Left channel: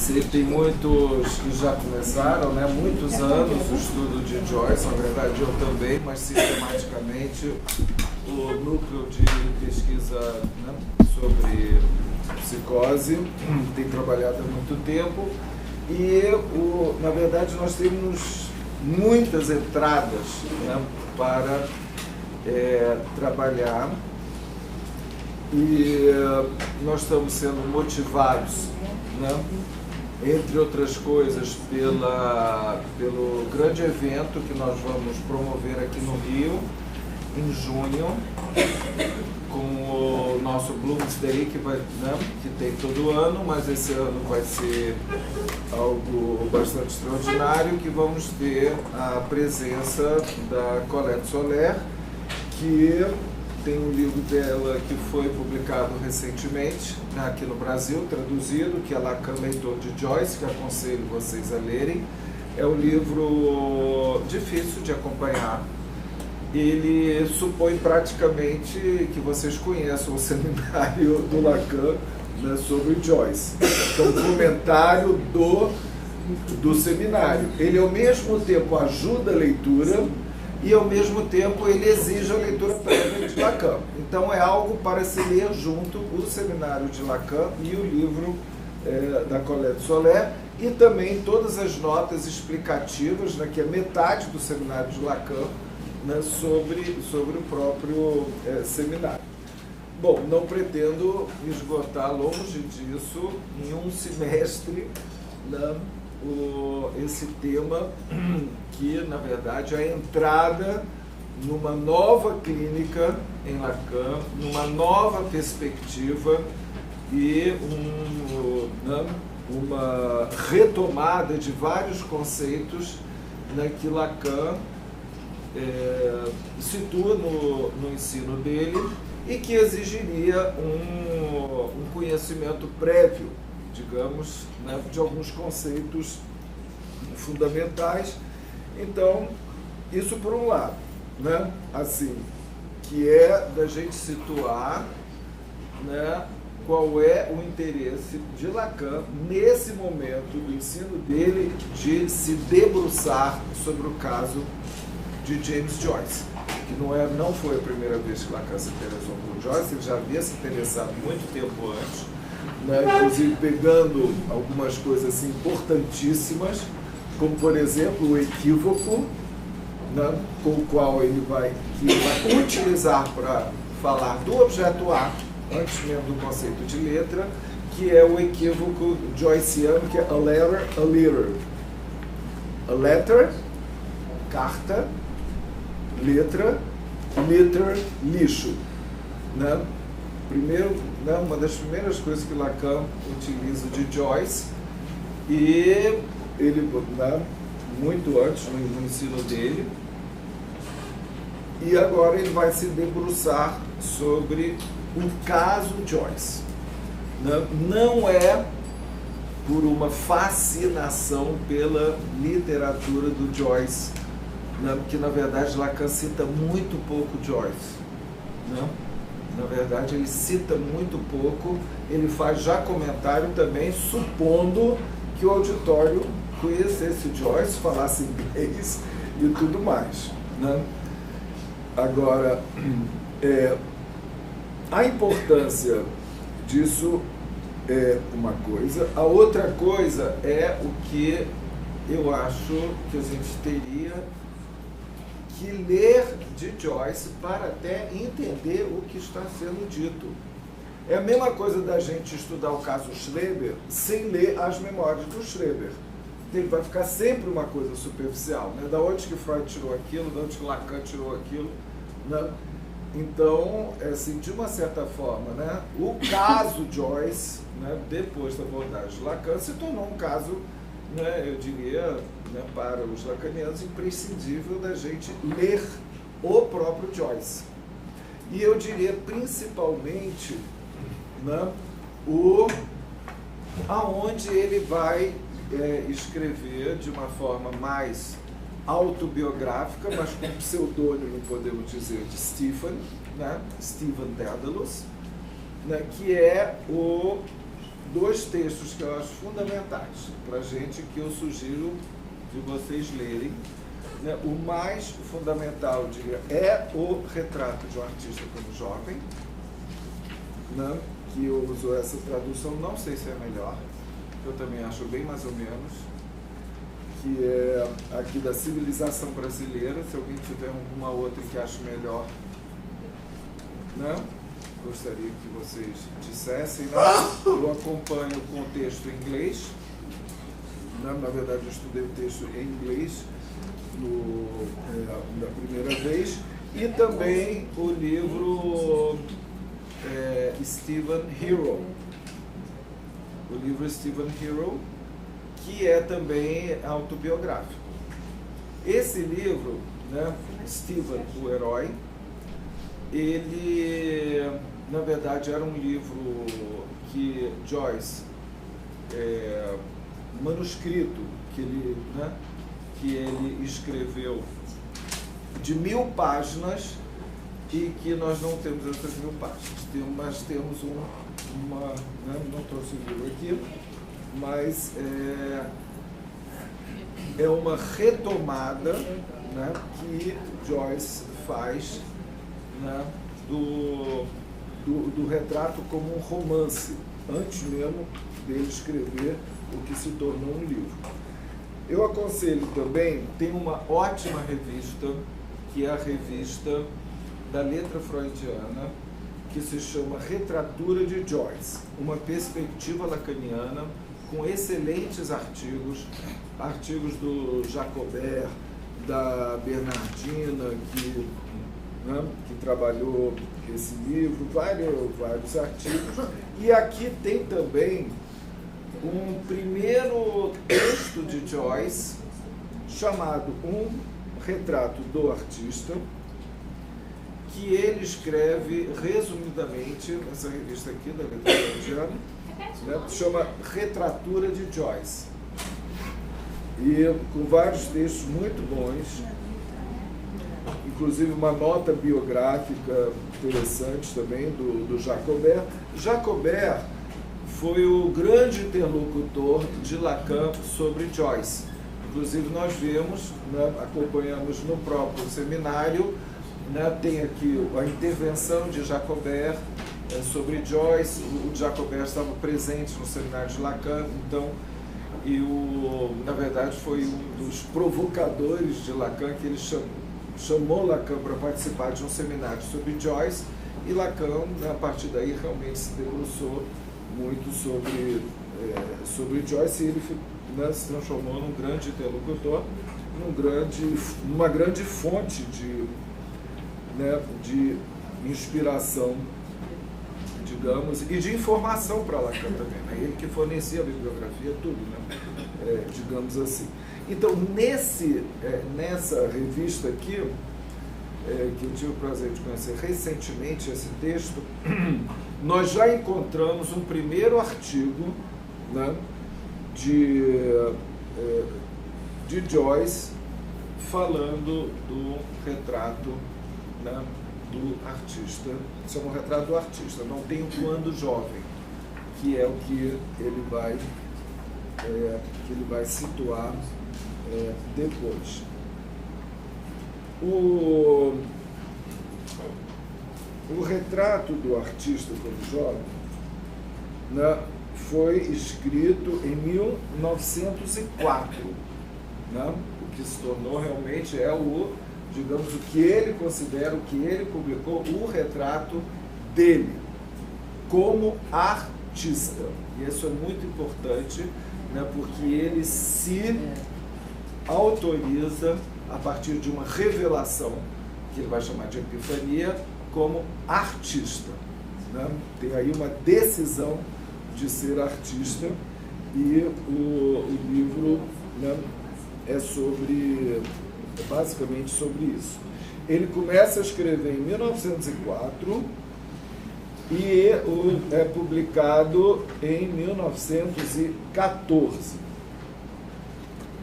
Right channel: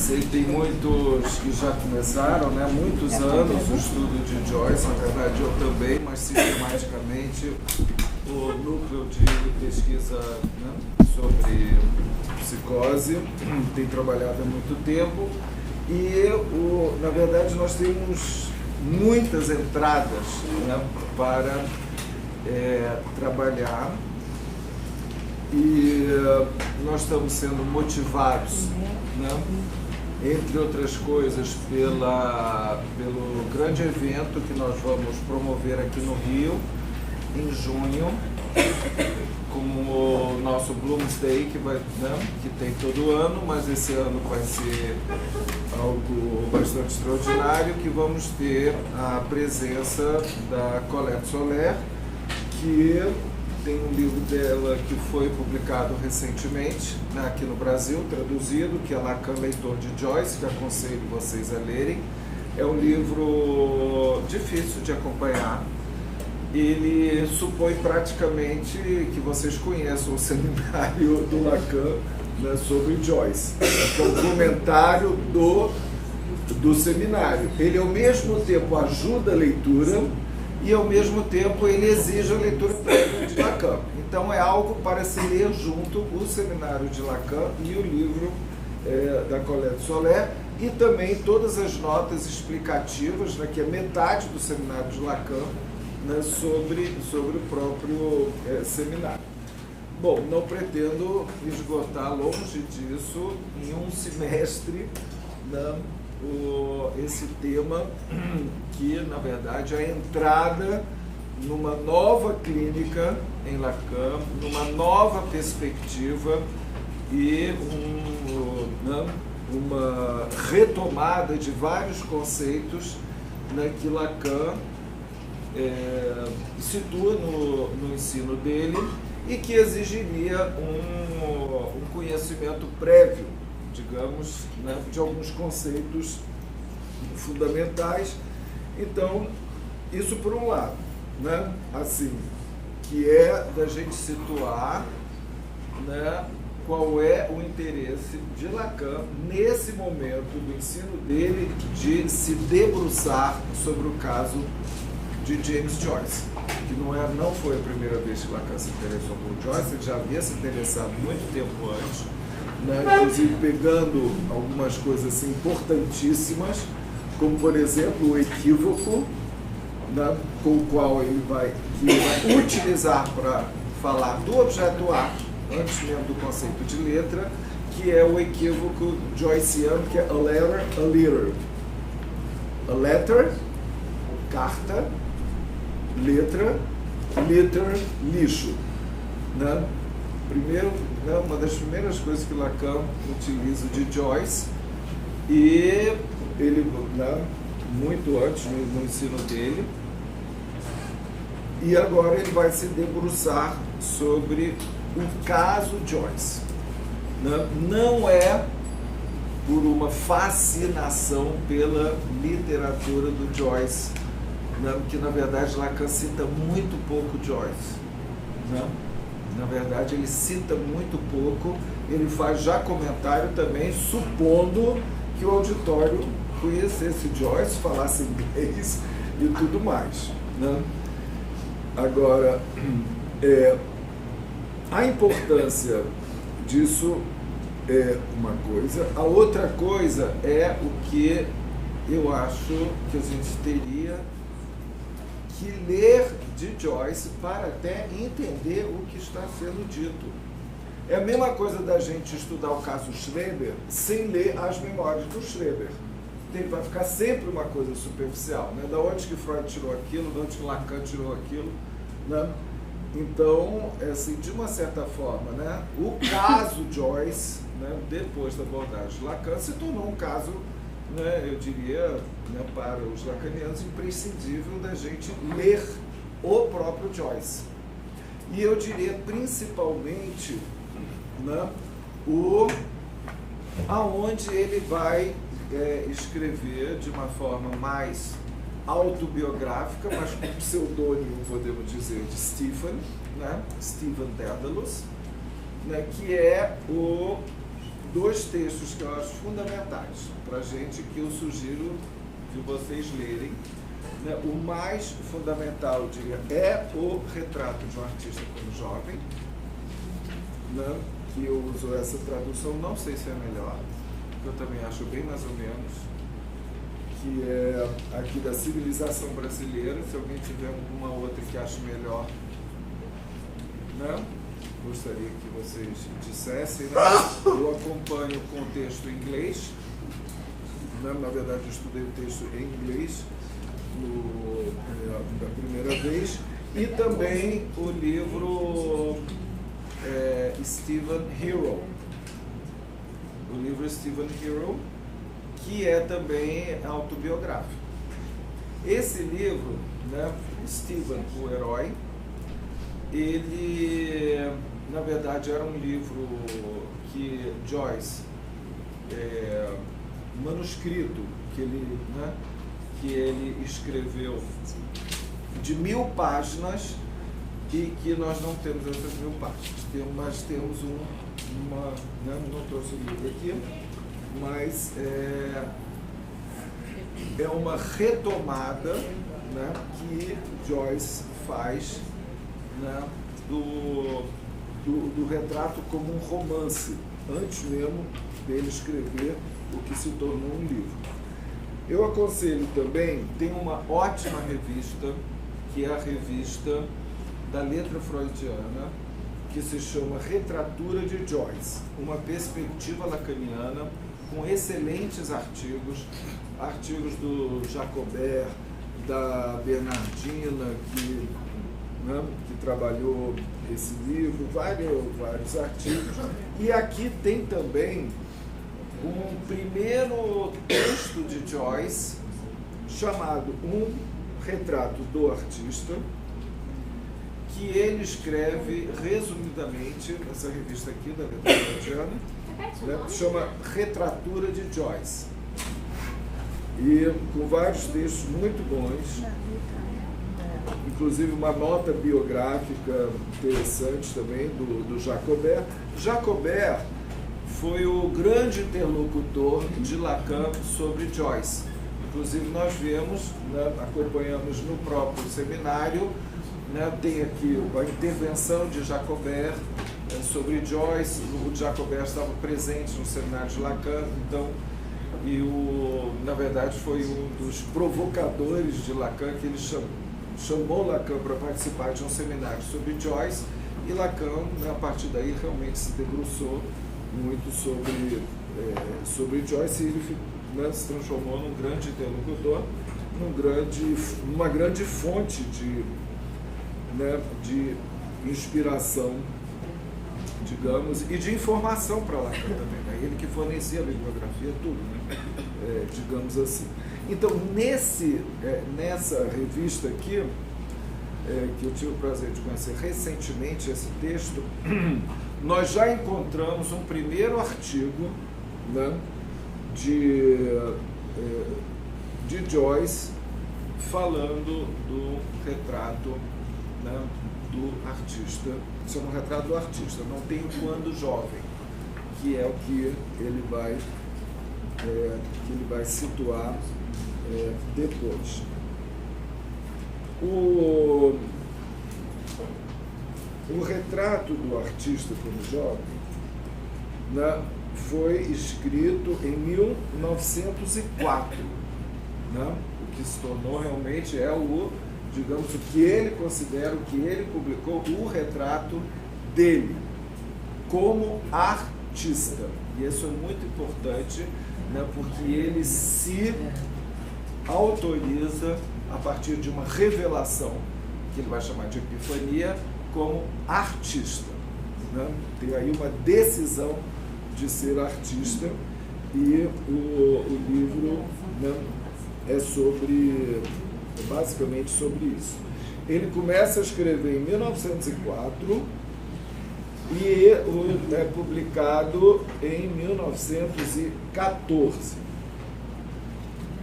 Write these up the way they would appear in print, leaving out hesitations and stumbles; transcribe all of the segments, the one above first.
Sei que tem muitos que já começaram, né? Muitos anos o estudo de Joyce, na verdade eu também, mas sistematicamente o núcleo de pesquisa, né, sobre psicose tem trabalhado há muito tempo e, na verdade, nós temos muitas entradas, né, para trabalhar e nós estamos sendo motivados, né, entre outras coisas, pelo grande evento que nós vamos promover aqui no Rio, em junho, com o nosso Bloomsday, que tem todo ano, mas esse ano vai ser algo bastante extraordinário, que vamos ter a presença da Colette Soler, que tem um livro dela que foi publicado recentemente, né, aqui no Brasil, traduzido, que é Lacan, Leitor de Joyce, que aconselho vocês a lerem. É um livro difícil de acompanhar. Ele supõe praticamente que vocês conheçam o seminário do Lacan, né, sobre Joyce, que é um comentário do seminário. Ele, ao mesmo tempo, ajuda a leitura e, ao mesmo tempo, ele exige a leitura prévia de Lacan. Então, é algo para se ler junto o seminário de Lacan e o livro da Colette Soler, e também todas as notas explicativas, né, que é metade do seminário de Lacan, né, sobre o próprio seminário. Bom, não pretendo esgotar longe disso em um semestre, né, esse tema que, na verdade, é a entrada numa nova clínica em Lacan, numa nova perspectiva e uma retomada de vários conceitos, né, que Lacan situa no ensino dele e que exigiria um conhecimento prévio, digamos, né, de alguns conceitos fundamentais. Então, isso por um lado, né, assim, que é da gente situar, né, qual é o interesse de Lacan nesse momento do ensino dele de se debruçar sobre o caso de James Joyce, que não foi a primeira vez que Lacan se interessou por Joyce, ele já havia se interessado muito tempo antes, né, inclusive pegando algumas coisas assim, importantíssimas, como, por exemplo, o equívoco, né, com o qual ele vai utilizar para falar do objeto A, antes mesmo do conceito de letra, que é o equívoco joyciano, que é a letter, a letter. A letter, carta, letra, litter, lixo. Né? Primeiro, né, uma das primeiras coisas que Lacan utiliza de Joyce, e ele, né, muito antes no ensino dele, e agora ele vai se debruçar sobre o caso Joyce. Né? Não é por uma fascinação pela literatura do Joyce, né, que na verdade Lacan cita muito pouco Joyce, né? Na verdade ele cita muito pouco, ele faz já comentário também, supondo que o auditório conhecesse Joyce, falasse inglês e tudo mais, né? Agora, a importância disso é uma coisa, a outra coisa é o que eu acho que a gente teria que ler de Joyce para até entender o que está sendo dito. É a mesma coisa da gente estudar o caso Schreber sem ler as memórias do Schreber. Ele vai ficar sempre uma coisa superficial, né? Da onde que Freud tirou aquilo, da onde que Lacan tirou aquilo, né? Então, assim, de uma certa forma, né, o caso Joyce, né, depois da abordagem de Lacan, se tornou um caso, né, eu diria, né, para os lacanianos, imprescindível da gente ler o próprio Joyce. E eu diria principalmente, né, aonde ele vai escrever de uma forma mais autobiográfica, mas com pseudônimo, podemos dizer, de Stephen, né, Stephen Dedalus, né, que é o dois textos que eu acho fundamentais para a gente, que eu sugiro de vocês lerem. Né? O mais fundamental, eu diria, é o Retrato de um Artista quando Jovem, né? Que eu uso essa tradução, não sei se é melhor, que eu também acho bem mais ou menos, que é aqui da Civilização Brasileira. Se alguém tiver alguma outra que ache melhor, né? Gostaria que vocês dissessem, né? Eu acompanho com o texto em inglês, né? Na verdade eu estudei o texto em inglês da primeira vez, e também o livro Stephen Hero, o livro Stephen Hero, que é também autobiográfico. Esse livro, né, Stephen, o Herói, ele, na verdade, era um livro que Joyce, manuscrito que ele escreveu de 1000 páginas, e que nós não temos essas 1000 páginas, mas temos né, não trouxe o livro aqui, mas é uma retomada, né, que Joyce faz, né, do retrato como um romance, antes mesmo dele escrever o que se tornou um livro. Eu aconselho também, tem uma ótima revista, que é a revista da letra freudiana, que se chama Retratura de Joyce, uma perspectiva lacaniana, com excelentes artigos do Jacobert, da Bernardina, que trabalhou esse livro, vários artigos. E aqui tem também um primeiro texto de Joyce, chamado Um Retrato do Artista, que ele escreve resumidamente nessa revista aqui da letra freudiana, né, chama Retratura de Joyce, e com vários textos muito bons, inclusive uma nota biográfica interessante também do Jacobert. Jacobert foi o grande interlocutor de Lacan sobre Joyce. Inclusive nós vimos, né, acompanhamos no próprio seminário, né, tem aqui a intervenção de Jacobert sobre Joyce. O Jacobert estava presente no seminário de Lacan, então, na verdade foi um dos provocadores de Lacan, que ele chamou Lacan para participar de um seminário sobre Joyce, e Lacan, né, a partir daí, realmente se debruçou muito sobre Joyce, e ele, né, se transformou num grande interlocutor, numa grande fonte de inspiração, digamos, e de informação para Lacan também, né? Ele que fornecia a bibliografia, tudo, né? Digamos assim. Então, nessa revista aqui, que eu tive o prazer de conhecer recentemente esse texto, nós já encontramos um primeiro artigo, né, de Joyce, falando do retrato, né, do artista. Isso é um retrato do artista, não tem o quando jovem, que é o que ele vai situar depois. O retrato do artista como jovem, né, foi escrito em 1904, né, o que se tornou realmente digamos, o que ele considera, o que ele publicou, o retrato dele como artista. E isso é muito importante, né, porque ele se autoriza, a partir de uma revelação, que ele vai chamar de epifania, como artista, né? Tem aí uma decisão de ser artista, e o livro, né, é basicamente sobre isso. Ele começa a escrever em 1904 e é publicado em 1914.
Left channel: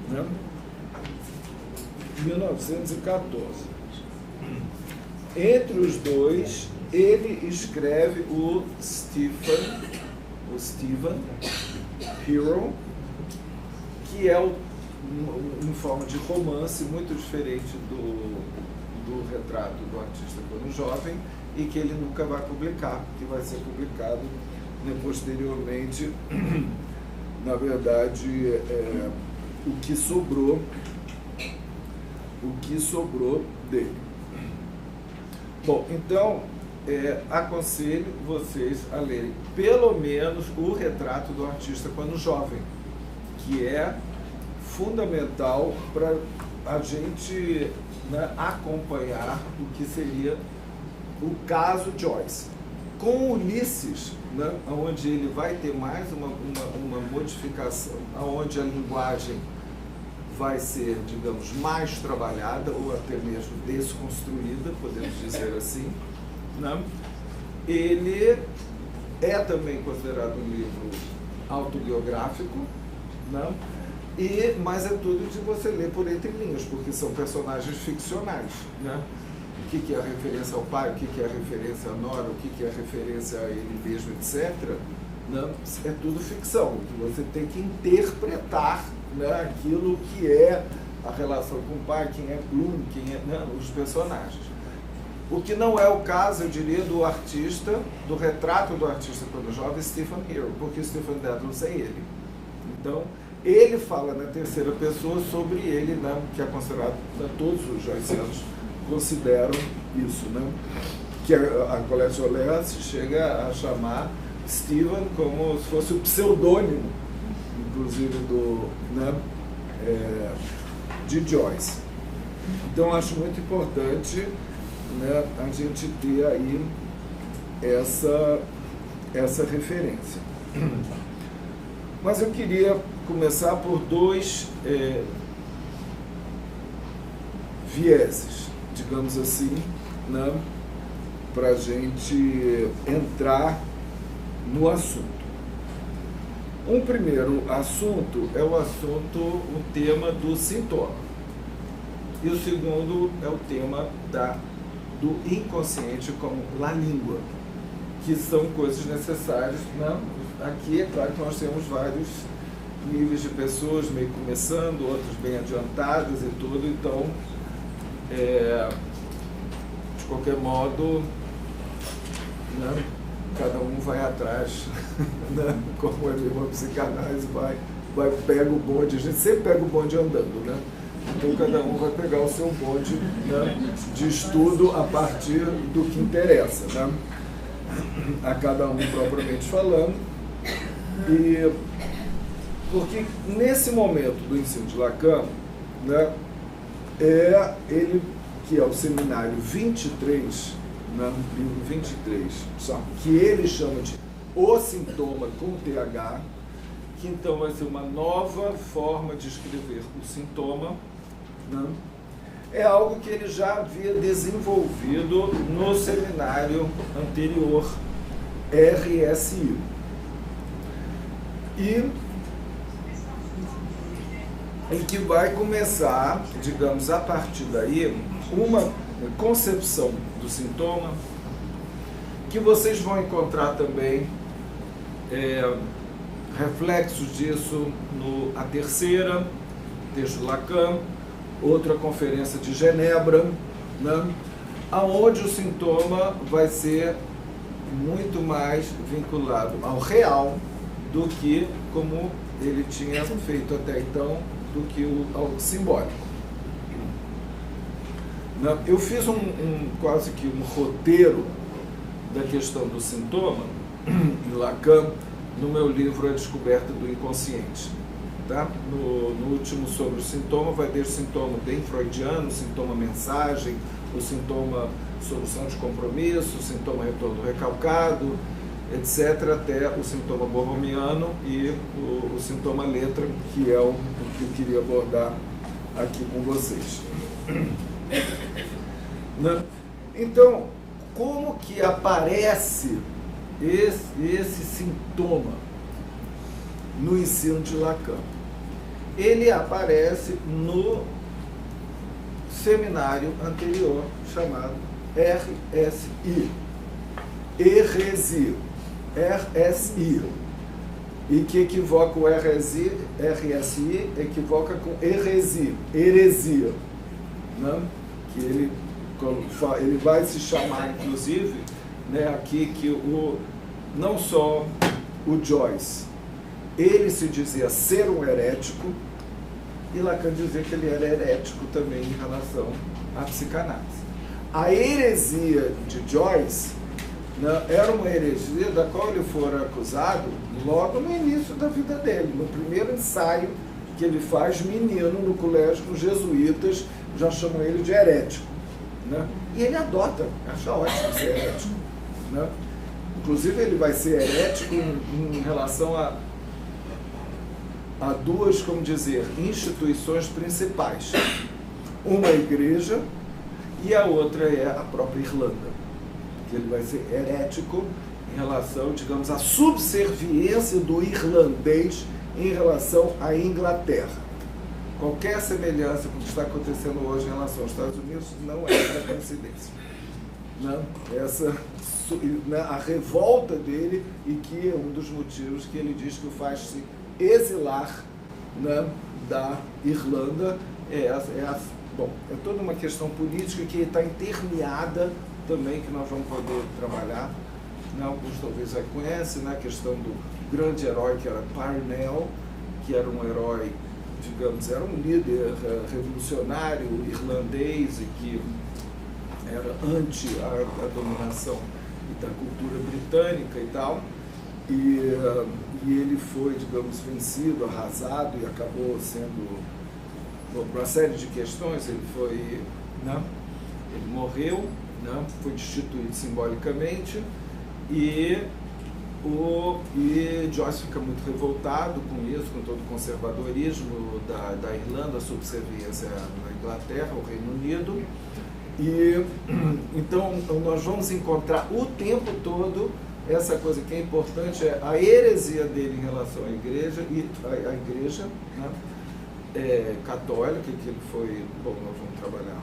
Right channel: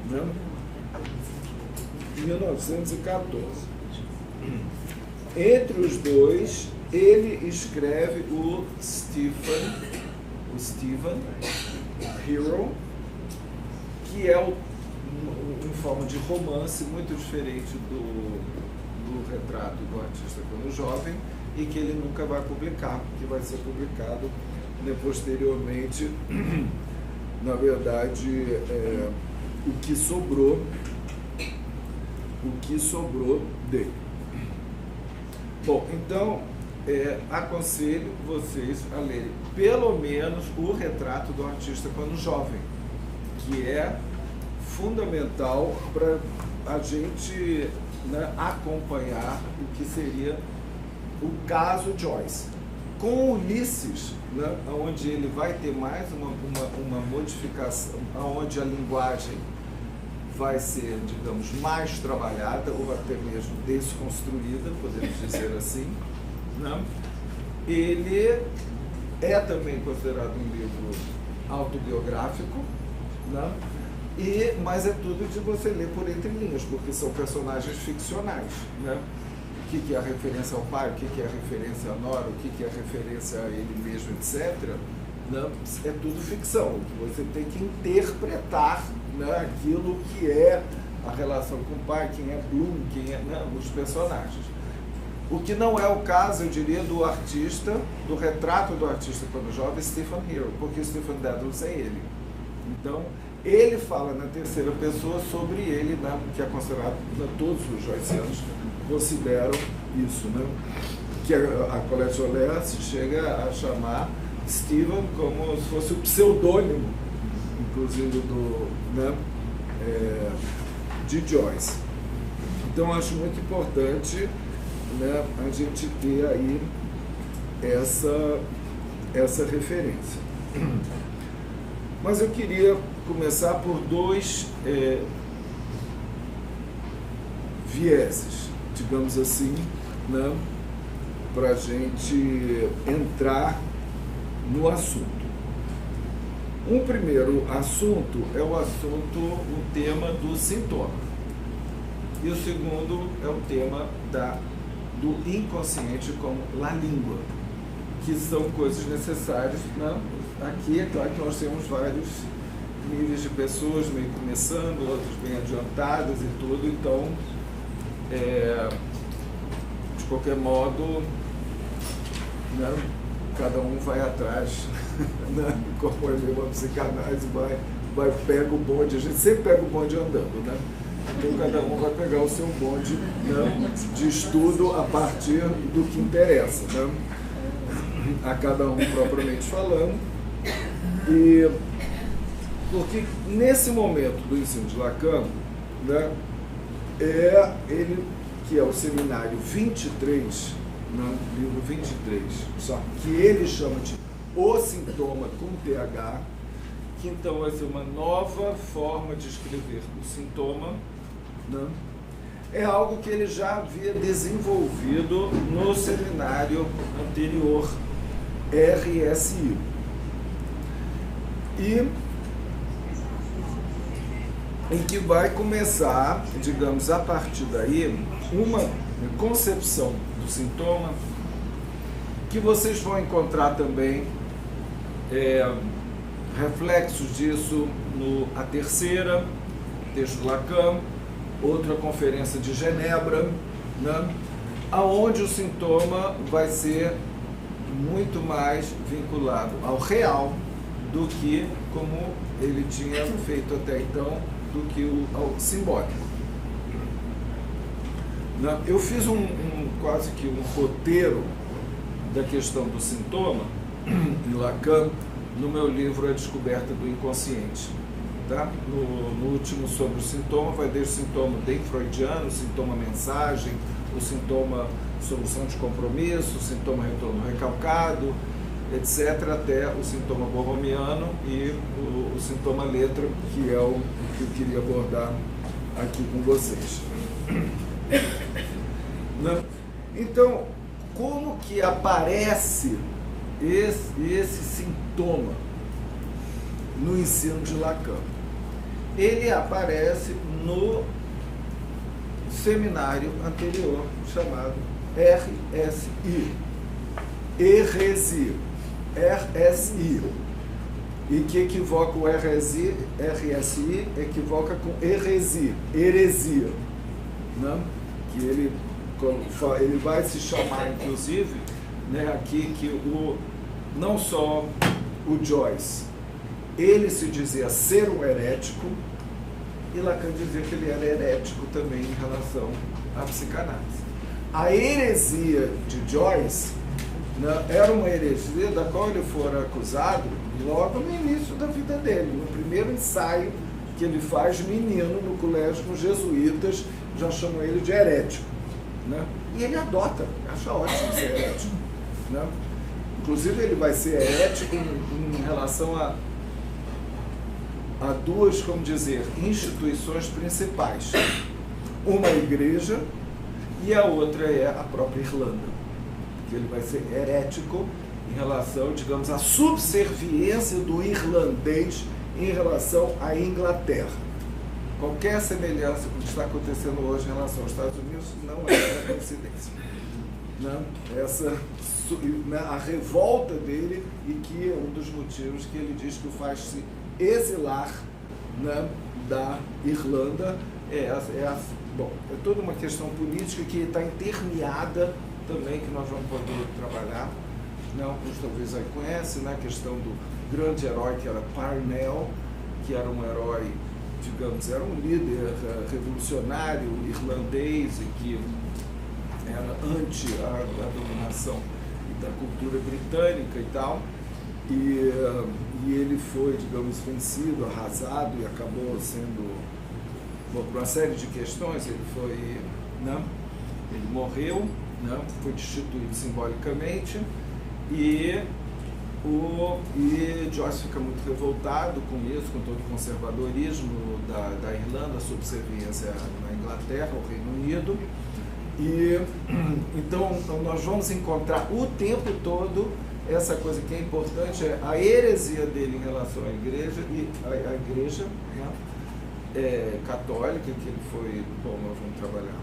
Né? 1914. Entre os dois, ele escreve o Stephen o Stephen Hero, que é em forma de romance muito diferente do retrato do artista quando jovem, e que ele nunca vai publicar, que vai ser publicado, né, posteriormente. Na verdade, o que sobrou dele. Bom, então, aconselho vocês a lerem pelo menos o retrato do artista quando jovem, que é fundamental para a gente, né, acompanhar o que seria o caso Joyce. Com Ulisses, né, onde ele vai ter mais uma modificação, onde a linguagem vai ser, digamos, mais trabalhada ou até mesmo desconstruída, podemos dizer assim, né? Ele é também considerado um livro autobiográfico, né? Mas é tudo de você ler por entre linhas, porque são personagens ficcionais, né? O que é a referência ao pai, o que é a referência à nora, o que é a referência a ele mesmo, etc., né? É tudo ficção, que você tem que interpretar, né, aquilo que é a relação com o pai, quem é Bloom, quem é, né, os personagens. O que não é o caso, eu diria, do artista, do retrato do artista quando jovem, Stephen Hero, porque Stephen Dedalus é ele. Então, ele fala na terceira pessoa sobre ele, né, que é considerado, né, todos os joycianos consideram isso, né? Que a Colette Olers chega a chamar Stephen como se fosse o pseudônimo, inclusive, de Joyce. Então, acho muito importante, né, a gente ter aí essa referência. Mas eu queria começar por dois vieses, digamos assim, né, para a gente entrar no assunto. Um primeiro assunto é o tema do sintoma. E o segundo é o tema do inconsciente como la língua, que são coisas necessárias, né? Aqui é claro que nós temos vários níveis de pessoas, meio começando, outros bem adiantadas e tudo, então, de qualquer modo, né, cada um vai atrás, né, como é mesmo a psicanálise, pega o bonde, a gente sempre pega o bonde andando, né? Então cada um vai pegar o seu bonde, né, de estudo a partir do que interessa, né, a cada um propriamente falando. E porque nesse momento do ensino de Lacan, né, ele, que é o seminário 23, né, livro 23, só que ele chama de O Sintoma com TH, que então vai ser uma nova forma de escrever o sintoma, né? É algo que ele já havia desenvolvido no seminário anterior, RSI. E que vai começar, digamos, a partir daí, uma concepção do sintoma, que vocês vão encontrar também reflexos disso no A Terceira, texto de Lacan, outra conferência de Genebra, né, aonde o sintoma vai ser muito mais vinculado ao real do que, como ele tinha feito até então, do que ao simbólico. Eu fiz quase que um roteiro da questão do sintoma em Lacan no meu livro A Descoberta do Inconsciente. Tá? No último sobre o sintoma, vai desde o sintoma bem freudiano, o sintoma mensagem, o sintoma solução de compromisso, o sintoma retorno recalcado, etc., até o sintoma borromiano e o sintoma letra, que é o que eu queria abordar aqui com vocês. Então, como que aparece esse sintoma no ensino de Lacan? Ele aparece no seminário anterior, chamado RSI. RSI. e que equivoca o RSI, equivoca com heresia, né? Que ele vai se chamar, inclusive, né, aqui que não só o Joyce, ele se dizia ser um herético, e Lacan dizia que ele era herético também em relação à psicanálise. A heresia de Joyce, né, era uma heresia da qual ele fora acusado logo no início da vida dele, no primeiro ensaio que ele faz menino no colégio com os jesuítas, já chamam ele de herético, né? E ele adota, acha ótimo ser herético, né? Inclusive ele vai ser herético em relação a duas, como dizer, instituições principais. Uma igreja e a outra é a própria Irlanda. Que ele vai ser herético em relação, digamos, à subserviência do irlandês em relação à Inglaterra. Qualquer semelhança com o que está acontecendo hoje em relação aos Estados Unidos não é coincidência. Né? A revolta dele, e que é um dos motivos que ele diz que o faz se exilar, né, da Irlanda, bom, é toda uma questão política que está intermeada também, que nós vamos poder trabalhar, né? Alguns talvez aí conhecem, né? A questão do grande herói que era Parnell, que era um herói, digamos, era um líder revolucionário irlandês e que era anti a dominação da cultura britânica e tal. E ele foi, digamos, vencido, arrasado, e acabou sendo, por uma série de questões, ele foi, né, ele morreu, né, foi destituído simbolicamente, e Joyce fica muito revoltado com isso, com todo o conservadorismo da Irlanda, a subserviência na Inglaterra, ao Reino Unido. E então nós vamos encontrar o tempo todo essa coisa que é importante, é a heresia dele em relação à igreja, e a igreja, né, católica, que ele foi, bom, nós vamos trabalhar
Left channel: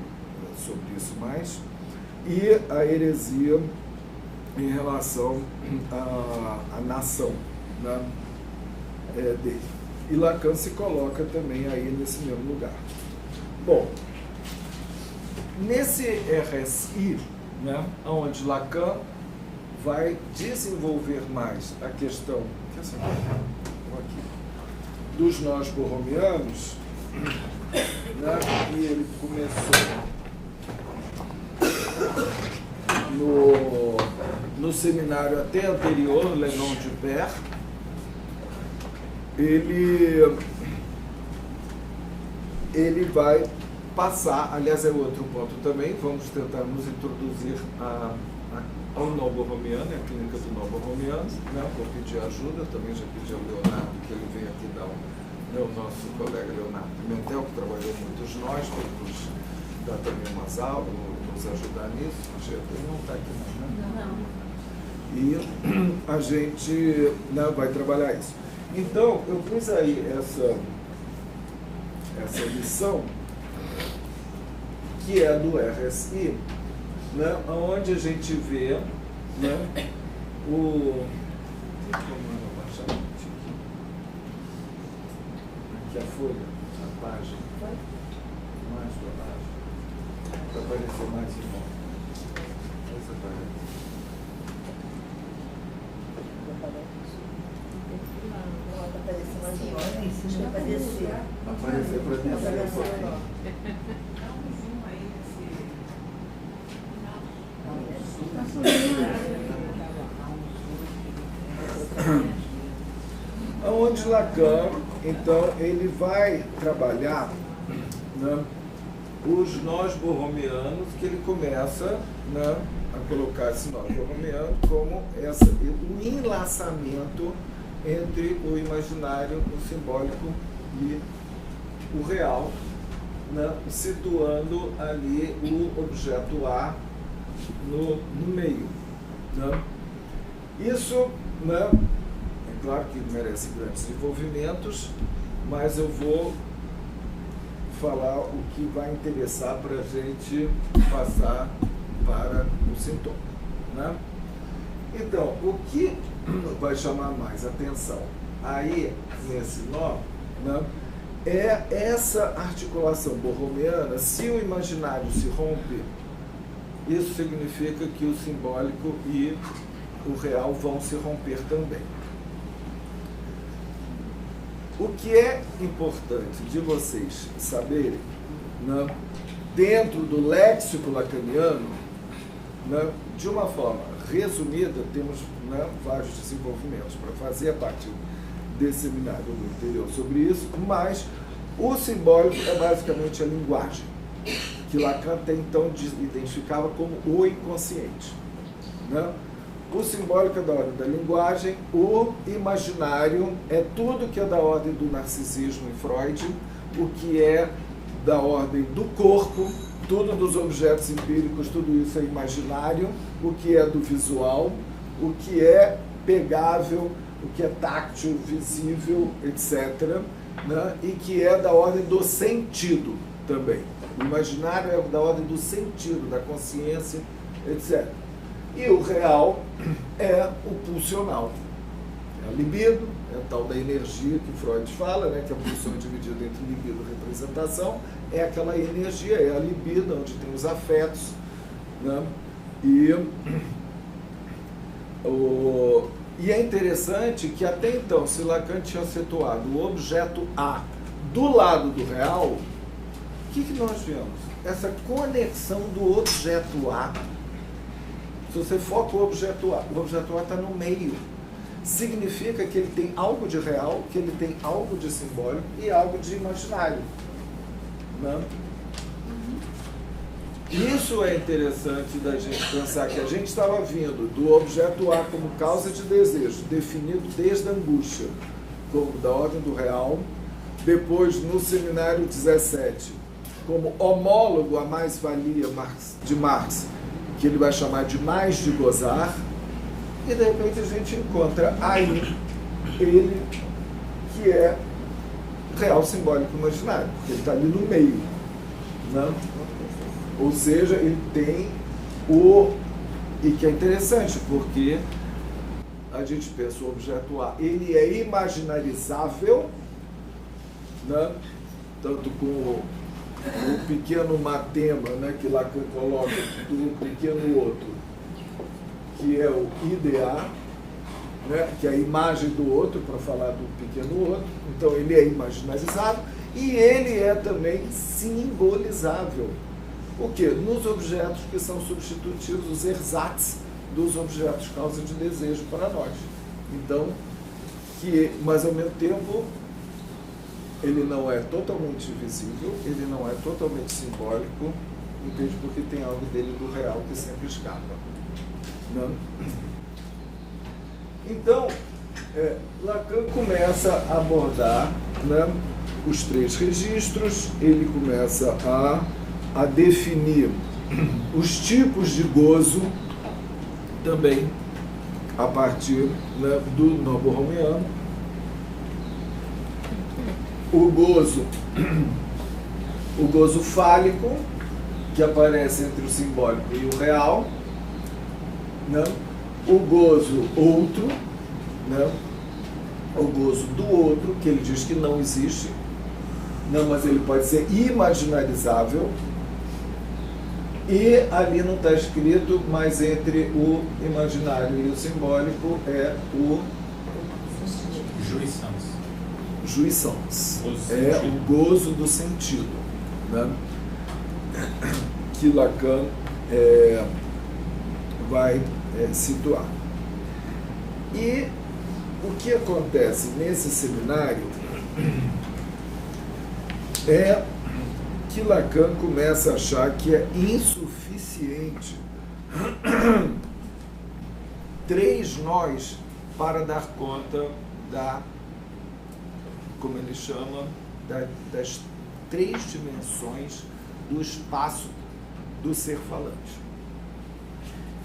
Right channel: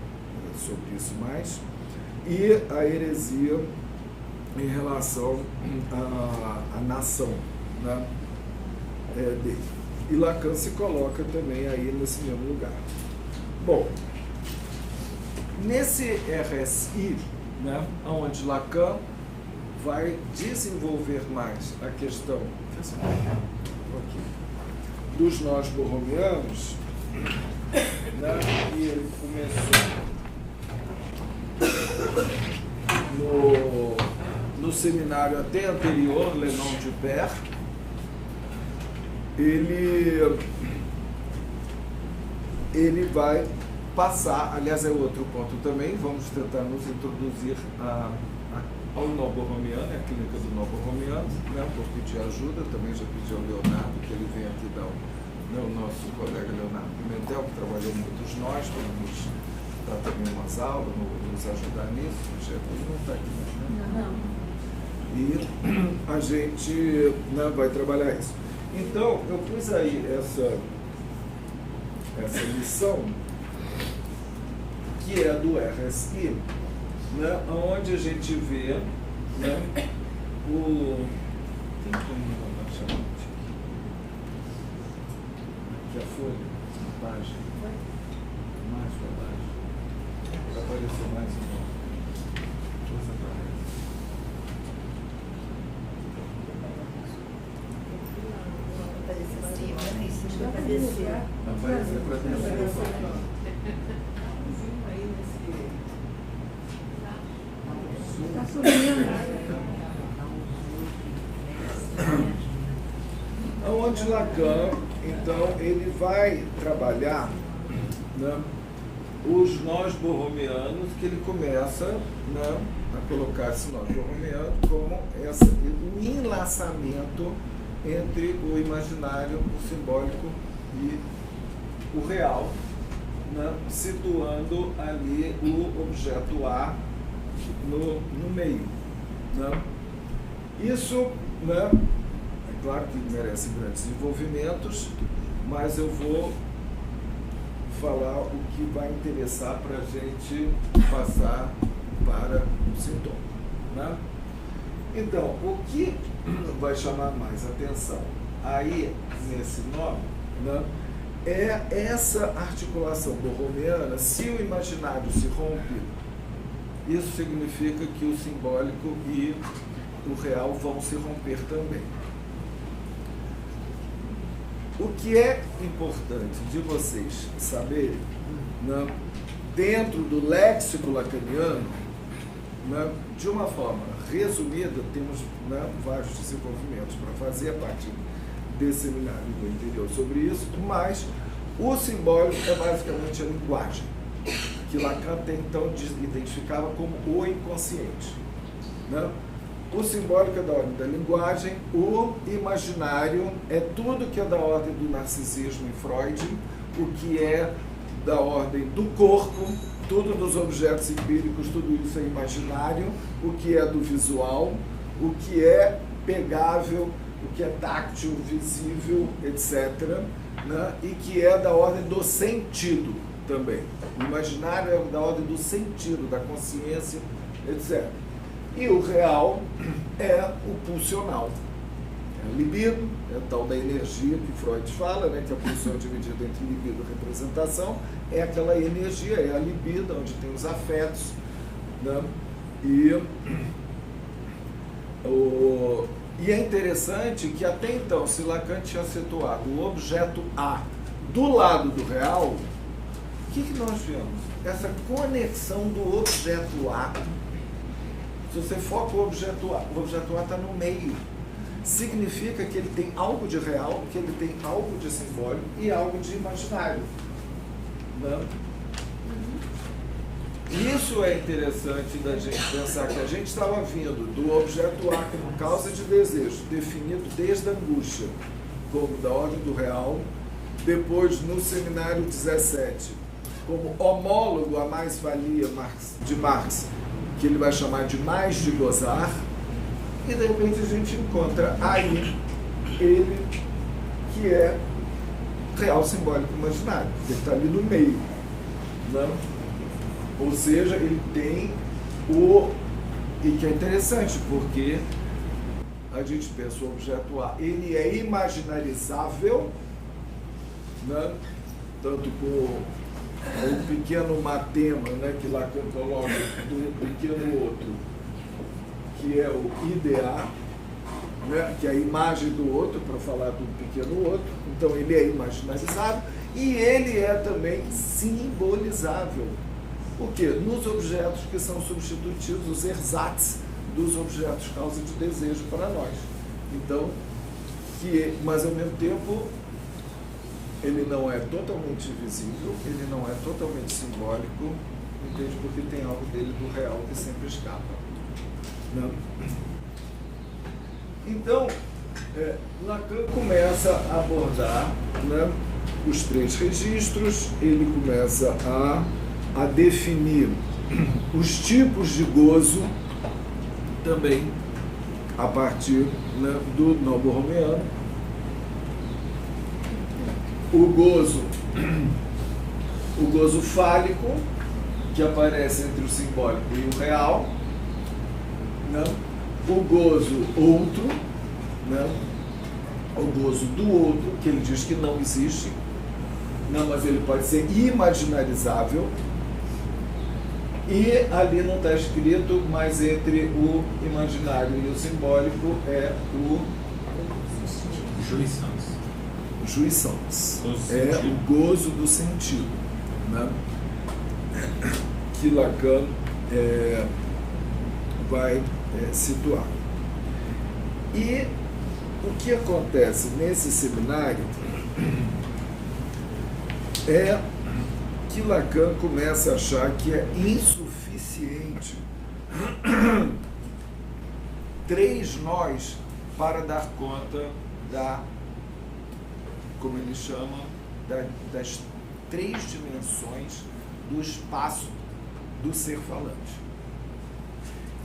sobre isso mais, e a heresia em relação à nação, né, dele. E Lacan se coloca também aí nesse mesmo lugar. Bom, nesse RSI, né, onde Lacan vai desenvolver mais a questão dos nós borromianos, né, e ele começou no seminário até anterior, Lenon de Per, ele vai passar, aliás é outro ponto também, vamos tentar nos introduzir ao nó borromiano, a clínica do nó borromiano, né? Vou pedir ajuda, também já pedi ao Leonardo que ele venha aqui dar o nosso colega Leonardo Pimentel, que trabalhou muitos nós, para ele nos dar também umas aulas, nos ajudar nisso. Ele não está aqui não, né? E a gente, né, vai trabalhar isso. Então, eu pus aí essa lição, que é do RSI, né, onde a gente vê, né, tem como eu abaixar aqui? Aqui a folha, a página, mais para baixo, para aparecer mais em nome. Essa aparece. Aparecer mais em nome. Acho que é para descer. Aparecer para descer um pouquinho. Onde Lacan, então, ele vai trabalhar, né, os nós borromianos, que ele começa, né, a colocar esse nós borromiano como o enlaçamento entre o imaginário, o simbólico e o real, né, situando ali o objeto A no meio, né. Isso, né, é claro que merece grandes desenvolvimentos, mas eu vou falar o que vai interessar para a gente passar para o sintoma, né? Então, o que vai chamar mais atenção aí nesse nó, né, é essa articulação borromeana. Se o imaginário se rompe, isso significa que o simbólico e o real vão se romper também. O que é importante de vocês saberem, né, dentro do léxico lacaniano, né, de uma forma resumida, temos, né, vários desenvolvimentos para fazer a partir desse seminário do interior sobre isso, mas o simbólico é basicamente a linguagem, que Lacan até então identificava como o inconsciente, né? O simbólico é da ordem da linguagem, o imaginário é tudo que é da ordem do narcisismo em Freud, o que é da ordem do corpo, tudo dos objetos empíricos, tudo isso é imaginário, o que é do visual, o que é pegável, o que é táctil, visível, etc., né? E que é da ordem do sentido também. O imaginário é da ordem do sentido, da consciência, etc. E o real é o pulsional. É a libido, é a tal da energia que Freud fala, né, que a pulsão é dividida entre libido e representação, é aquela energia, é a libido, onde tem os afetos, né? E é interessante que até então, se Lacan tinha situado o objeto A do lado do real, o que nós vemos? Essa conexão do objeto A. Se você foca o objeto A está no meio. Significa que ele tem algo de real, que ele tem algo de simbólico e algo de imaginário. Né? Isso é interessante da gente pensar, que a gente estava vindo do objeto A como causa de desejo, definido desde a angústia, como da ordem do real, depois no seminário 17, como homólogo à mais-valia de Marx, que ele vai chamar de mais de gozar, e de repente a gente encontra aí ele que é real, simbólico, imaginário, porque ele está ali no meio, né? Ou seja, ele tem e que é interessante, porque a gente pensa o objeto A, ele é imaginarizável, né? Tanto com o pequeno matema, né, que Lacan coloca do pequeno outro, que é o IDA, né, que é a imagem do outro, para falar do pequeno outro. Então ele é imaginarizável e ele é também simbolizável. O quê? Nos objetos que são substitutivos, os ersatz dos objetos causa de desejo para nós. Então, mas ao mesmo tempo, ele não é totalmente visível, ele não é totalmente simbólico, entende? Porque tem algo dele do real que sempre escapa. Não? Então, Lacan começa a abordar, né, os três registros, ele começa a definir os tipos de gozo também a partir, né, do nó borromeano. O gozo fálico, que aparece entre o simbólico e o real, né? O gozo outro, né? O gozo do outro, que ele diz que não existe, não, mas ele pode ser imaginarizável, e ali não está escrito, mas entre o imaginário e o simbólico é o jouissance, é o gozo do sentido, né? Que Lacan vai situar. E o que acontece nesse seminário é que Lacan começa a achar que é insuficiente 3 nós para dar conta como ele chama, das 3 dimensões do espaço do ser falante.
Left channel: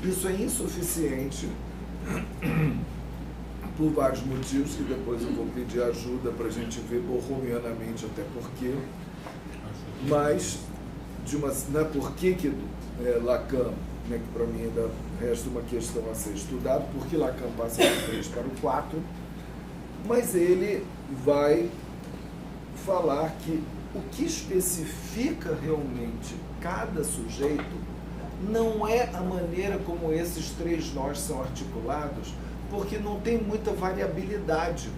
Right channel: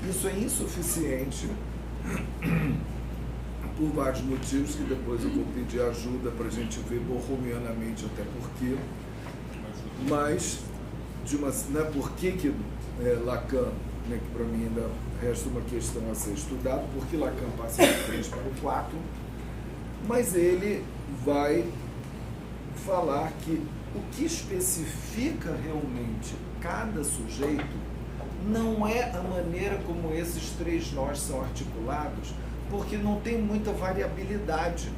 Isso é insuficiente por vários motivos, que depois eu vou pedir ajuda para a gente ver borromeanamente até porquê. Mas, por que Lacan, né, que para mim ainda resta uma questão a ser estudada, por que Lacan passa do 3 para o 4, Mas ele vai falar que o que especifica realmente cada sujeito não é a maneira como esses três nós são articulados, porque não tem muita variabilidade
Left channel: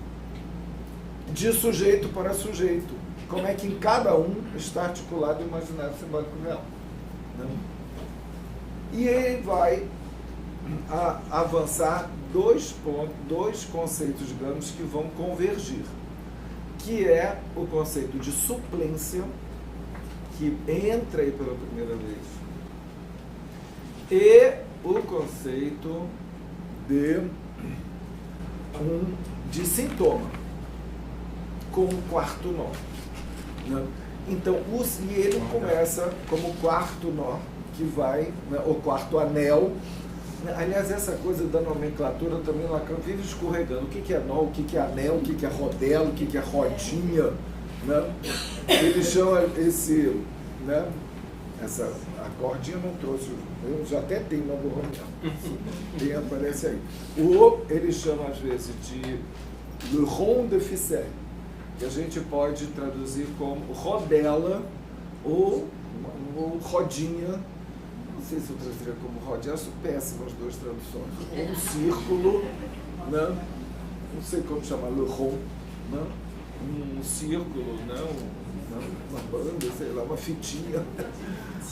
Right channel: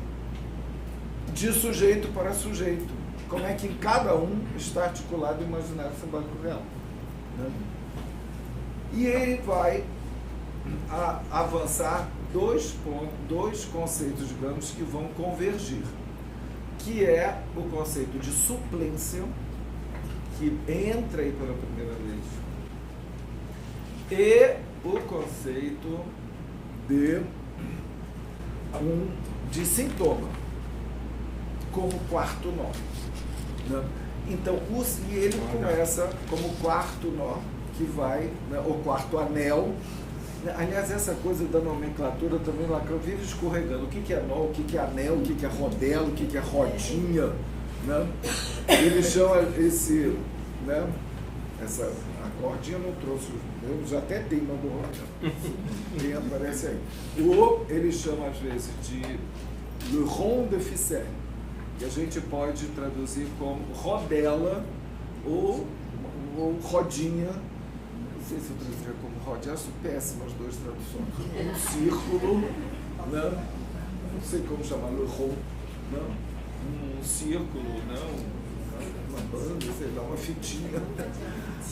de sujeito para sujeito. Como é que em cada um está articulado o imaginário simbólico real, né? E ele vai avançar dois conceitos, digamos, que vão convergir, que é o conceito de suplência, que entra aí pela primeira vez, e o conceito de sintoma, como quarto nó, né? Então, e ele começa como quarto nó, que vai, né, o quarto anel. Aliás, essa coisa da nomenclatura também, Lacan vive escorregando. O que é nó, o que é anel, o que é rodela, o que é rodinha, né? Ele chama esse, né, a cordinha não trouxe, eu já até tenho no borromiano, aparece aí. Ele chama às vezes de le rond de ficelle, que a gente pode traduzir como rodela ou rodinha. Não sei se eu traduziria como rodinha, acho péssimas duas traduções. Um círculo, né? Não sei como chamar, le rond, né? Um círculo, né? Uma banda, sei lá, uma fitinha,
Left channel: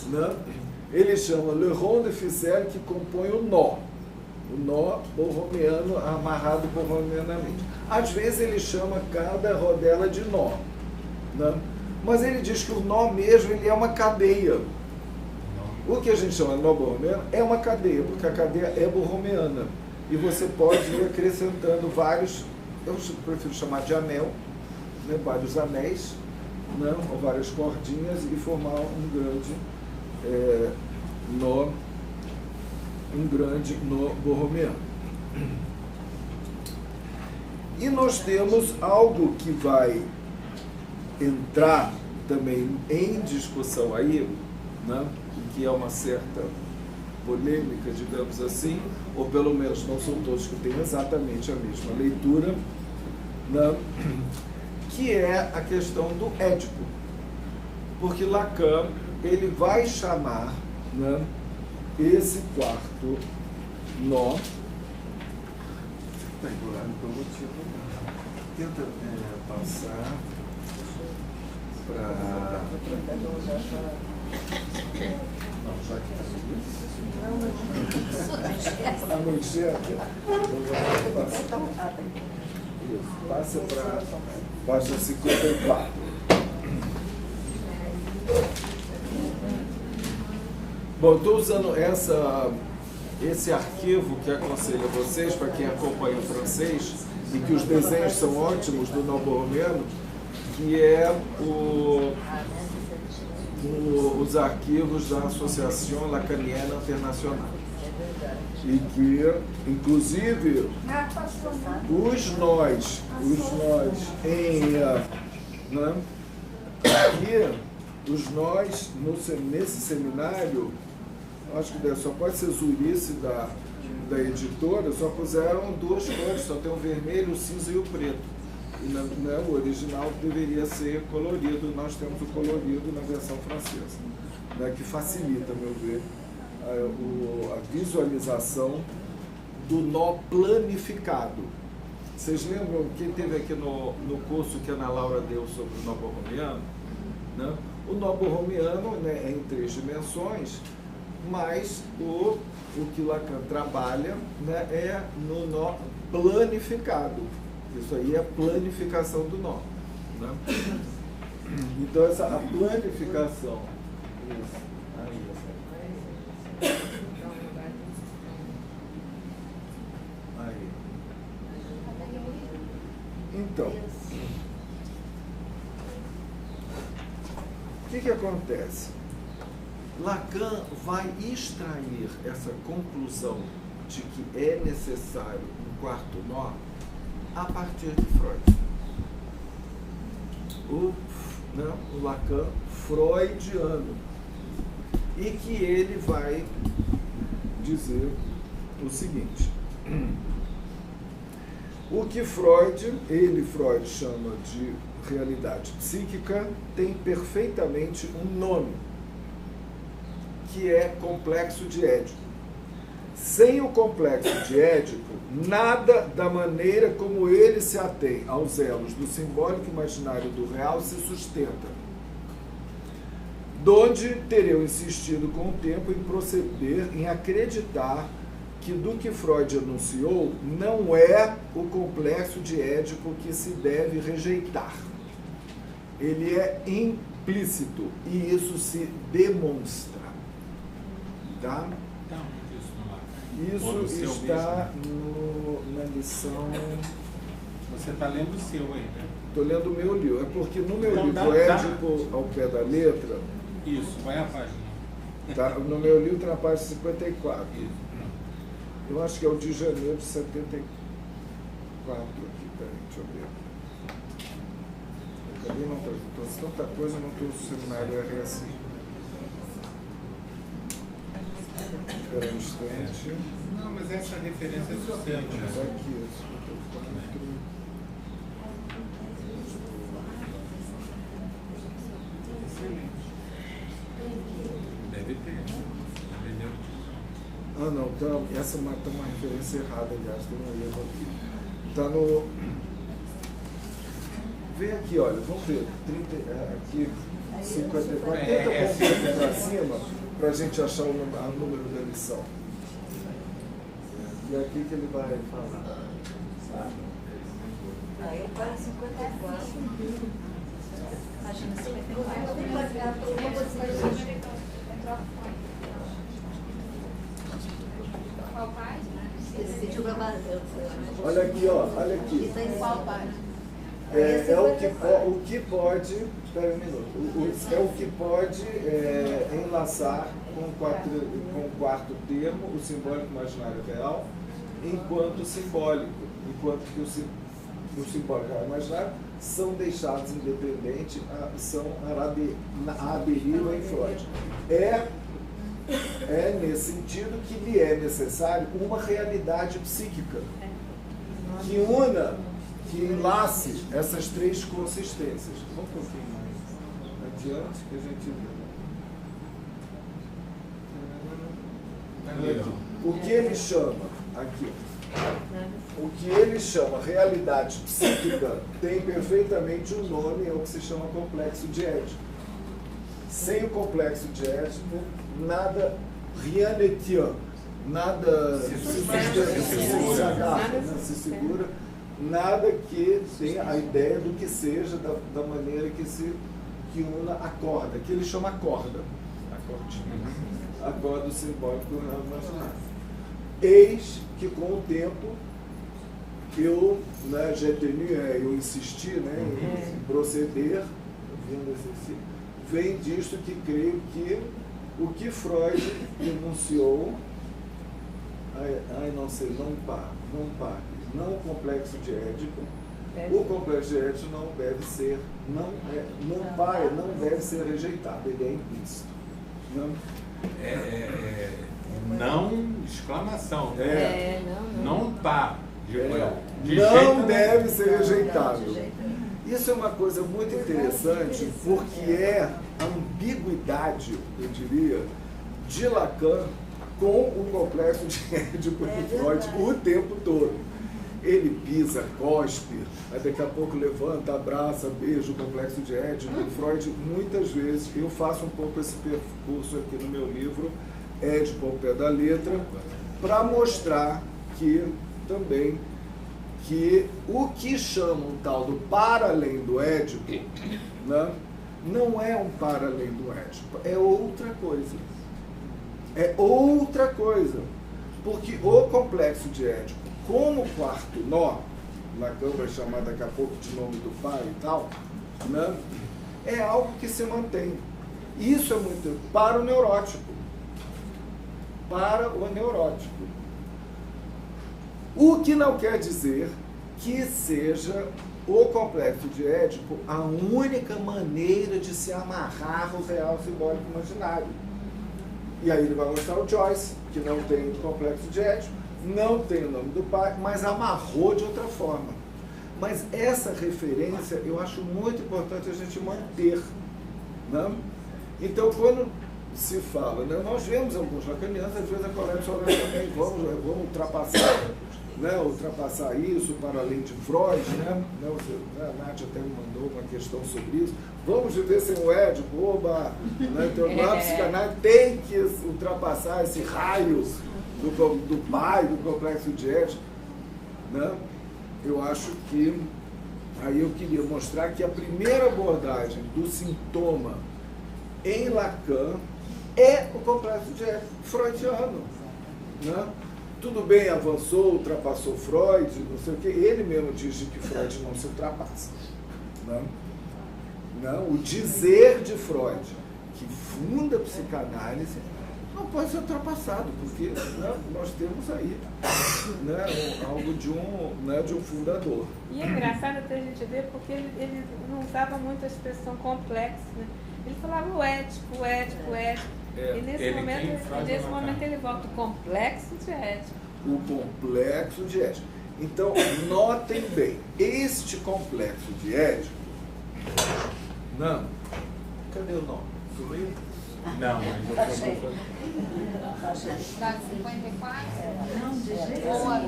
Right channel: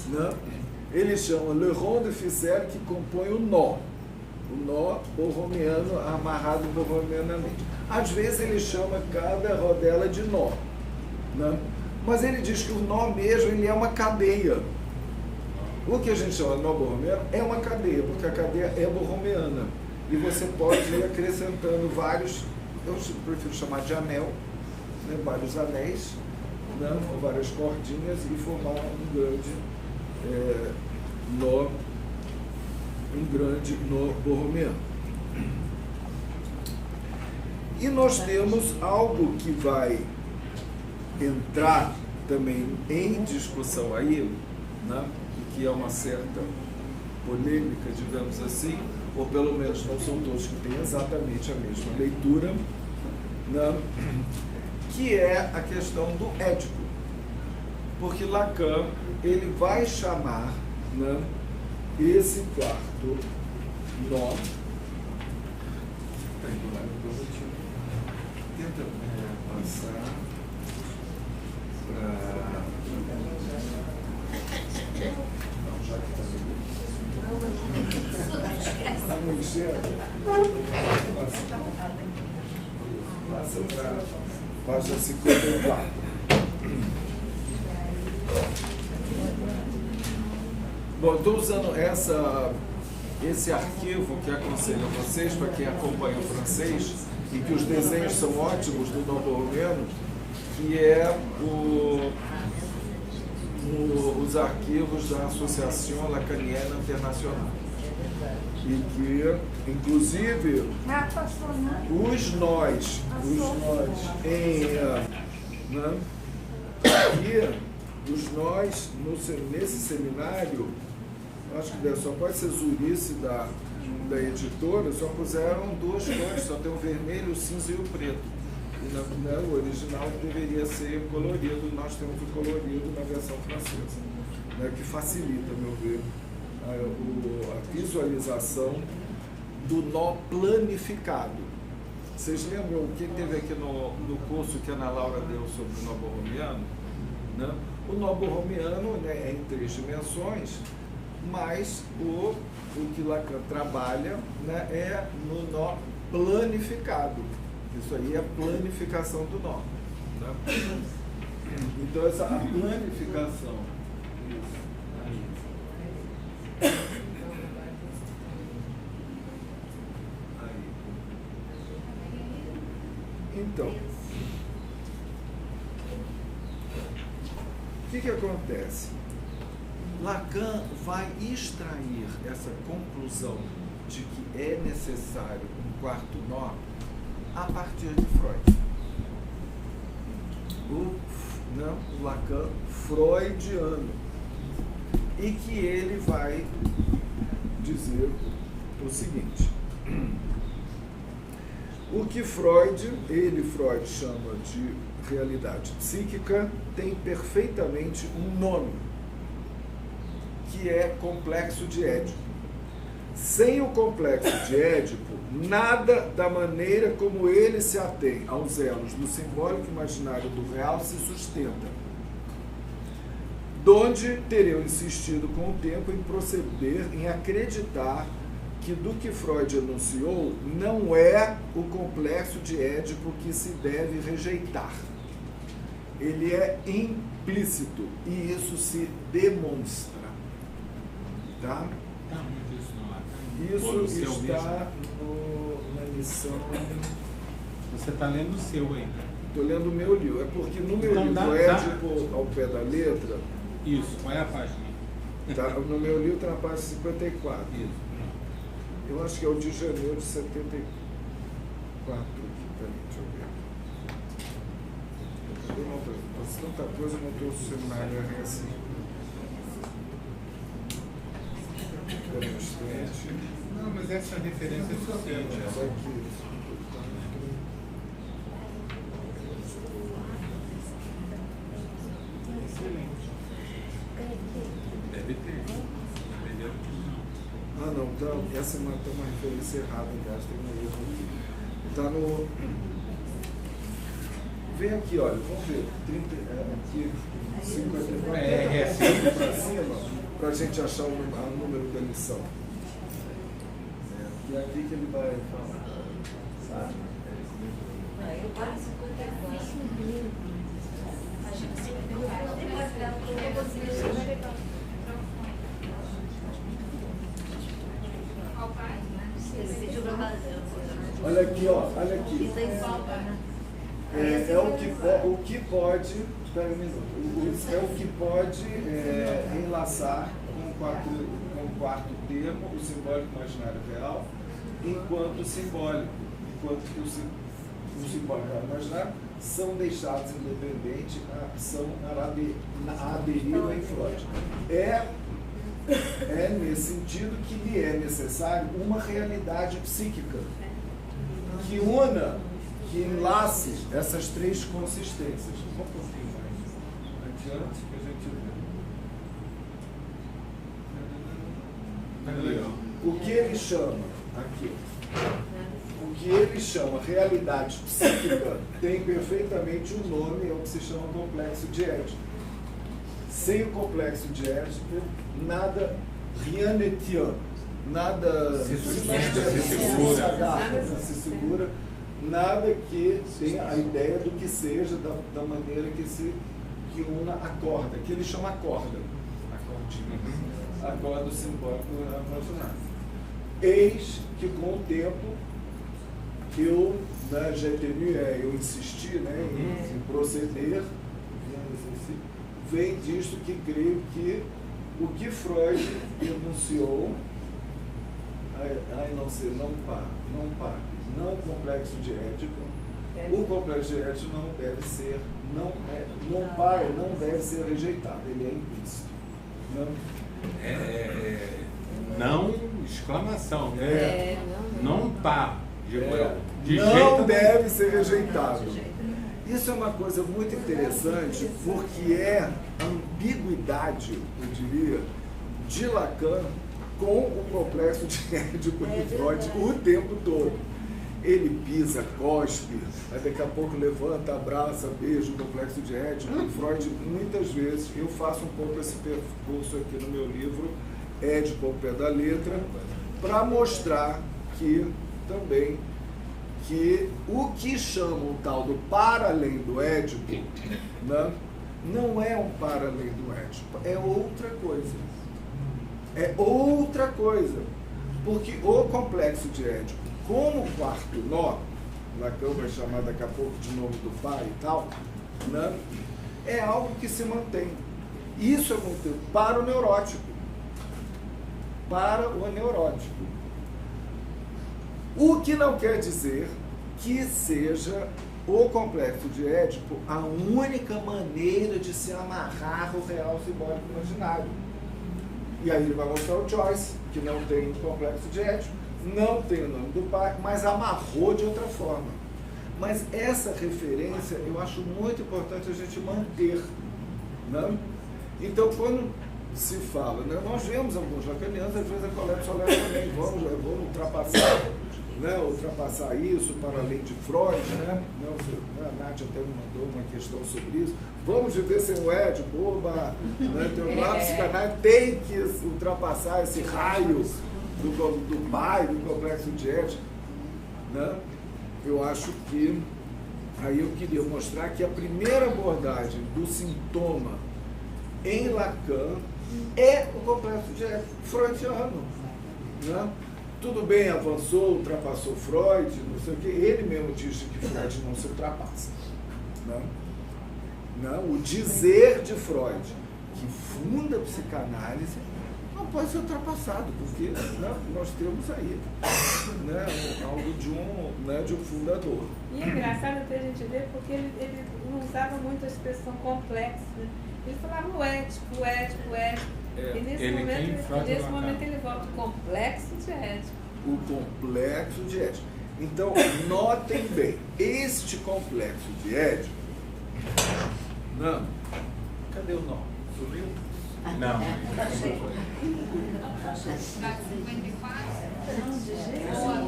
né? Ele chama le rond de ficelle, que compõe o nó borromiano, amarrado borromianamente. Às vezes ele chama cada rodela de nó, né? Mas ele diz que o nó mesmo ele é uma cadeia. O que a gente chama de nó borromiano é uma cadeia, porque a cadeia é borromiana. E você pode ir acrescentando vários, eu prefiro chamar de anel, né? Vários anéis, né? Ou várias cordinhas, e formar um grande nó borromiano. E nós temos algo que vai entrar também em discussão aí, né? E que é uma certa polêmica, digamos assim, ou pelo menos não são todos que têm exatamente a mesma leitura, né? Que é a questão do Édipo. Porque Lacan, ele vai chamar, né, esse quarto nó. Está enrolado pelo motivo. Tenta passar para. Não, já que está aí. A não enxerga? Isso, passa para página 54. Bom, eu estou usando esse arquivo que aconselho a vocês, para quem acompanha francês, e que os desenhos são ótimos, do nó borromiano, que é os arquivos da Associação Lacaniana Internacional. E que, inclusive, os nós nesse seminário, acho que só pode ser Zurice da editora, só puseram duas cores, só tem o vermelho, o cinza e o preto. E o original deveria ser colorido, nós temos o colorido na versão francesa, né, que facilita, a meu ver, a visualização do nó planificado. Vocês lembram, quem teve aqui no curso que a Ana Laura deu sobre o nó borromiano, né? O nó borromiano, né, é em 3 dimensões, mas o que Lacan trabalha, né, é no nó planificado. Isso aí é a planificação do nó, né? Então, a planificação. Isso, aí. Aí. Então, o que acontece? Lacan vai extrair essa conclusão de que é necessário um quarto nó a partir de Freud. O Lacan freudiano. E que ele vai dizer o seguinte: O que Freud chama de realidade psíquica, tem perfeitamente um nome, que é complexo de Édipo. Sem o complexo de Édipo, nada da maneira como ele se atém aos elos do simbólico imaginário do real se sustenta. Donde tereu insistido com o tempo em proceder, em acreditar que do que Freud enunciou não é o complexo de Édipo que se deve rejeitar. Ele é implícito e isso se demonstra. Tá? Isso está na lição... Você está lendo o seu aí? Estou lendo o meu livro. É porque no meu livro Édipo ao pé da letra... Isso, vai a página. Tá, no meu livro está na página 54. Eu acho que é o de janeiro de 74 aqui. Peraí, deixa eu ver. Acabei não trazendo. Trouxe tanta coisa no teu seminário RSI. Espera um instante. Não, mas essa referência é seu tempo. Mas aqui, 54. Ah, não, tá, essa tá uma referência errada, aliás, tem um erro aqui. Tá no... Vem aqui, olha, vamos ver, 30, aqui, 54, tenta pôr um pouco para cima, para a gente achar o número da lição. E é aqui que ele vai falar. Olha aqui, ó, olha aqui. Está em qual página? O que pode, espera um minuto, é o que pode enlaçar com o quarto termo, o simbólico imaginário real, enquanto simbólico, enquanto que o simbólico e o imaginário são deixados independentes, são à deriva em Freud. É nesse sentido que lhe é necessário uma realidade psíquica que una, que enlace essas três consistências. Vamos um pouquinho mais adiante que a gente vê. Olha aqui. O que ele chama aqui? O que ele chama realidade psíquica tem perfeitamente um nome, é o que se chama complexo de Édipo. Sem o complexo de Édipo, nada, rien ne tient, nada se sustenta, se agarra, né, se segura, nada que tenha a ideia do que seja da maneira que una a corda, que ele chama corda, a cordinha, a corda simbólica imaginária. Eis que com o tempo eu, né, eu insisti, né, em proceder, vem disto que creio que o que Freud enunciou, não o complexo de Édipo, o complexo de Édipo não deve ser, não deve ser rejeitado, ele é implícito. Não, não exclamação. Não pá. Não deve ser rejeitado. Isso é uma coisa muito interessante, porque é a ambiguidade, eu diria, de Lacan com o complexo de Édipo e Freud o tempo todo. Ele pisa, cospe, aí daqui a pouco levanta, abraça, beija o complexo de Édipo e Freud. Muitas vezes eu faço um pouco esse percurso aqui no meu livro, Édipo ao pé da letra, para mostrar que também que o que chamam tal do para além do Édipo, né, não é um para além do Édipo, é outra coisa. É outra coisa. Porque o complexo de Édipo, como quarto nó, Lacan vai chamar daqui a pouco de nome do pai e tal, né, é algo que se mantém. Isso é muito para o neurótico. Para o neurótico. O que não quer dizer que seja o complexo de Édipo a única maneira de se amarrar o real simbólico imaginário. E aí ele vai mostrar o Joyce, que não tem complexo de Édipo, não tem o nome do pai, mas amarrou de outra forma. Mas essa referência eu acho muito importante a gente manter. Né? Então, quando se fala, né, nós vemos alguns lacanianos, às vezes a Colette Soler também, vamos ultrapassar isso para além de Freud, né? A Nath até me mandou uma questão sobre isso. Vamos viver sem o Édipo, oba! Né? Então, a psicanálise tem que ultrapassar esse raio do pai, do complexo de Édipo. Né? Eu acho que aí eu queria mostrar que a primeira abordagem do sintoma em Lacan é o complexo de Édipo freudiano. Né? Tudo bem, avançou, ultrapassou Freud, não sei o quê. Ele mesmo diz que Freud não se ultrapassa. Né? Não, o dizer de Freud, que funda a psicanálise, não pode ser ultrapassado, porque nós temos aí algo de um fundador. É engraçado até a gente ver, porque ele não usava muito a expressão complexa. Né? Ele falava o Édipo. E nesse momento ele volta o complexo de Édipo. O complexo de Édipo. Então, notem bem, este complexo de Édipo. Não. Cadê o nome? Sumiu? Não. Na 54? Ou a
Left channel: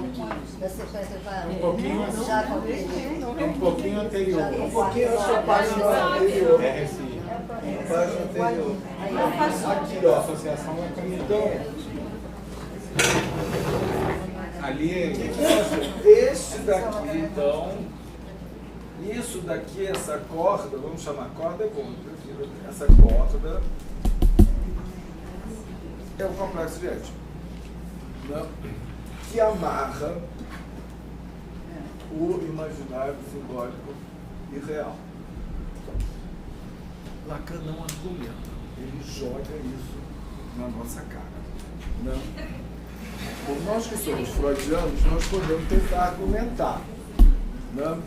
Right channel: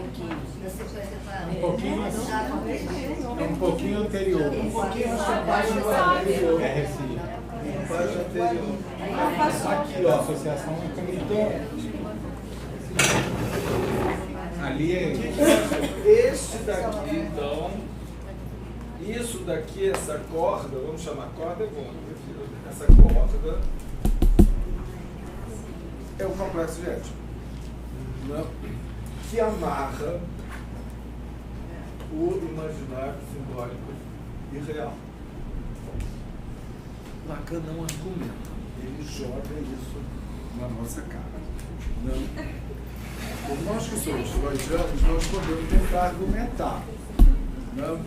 Da 54? Um pouquinho, Já com aquele. um pouquinho anterior. Um pouquinho antes da página anterior. É Recife. A página anterior. Aqui, ó. Associação Então, ali o que nós temos? Este daqui, então, isso daqui, essa corda, vamos chamar corda, é bom, eu prefiro essa corda, é o complexo de Édipo, né? Que amarra o imaginário, simbólico e real. Lacan não argumenta, ele joga isso na nossa cara. Não. Por nós que somos freudianos, nós podemos tentar argumentar. Né?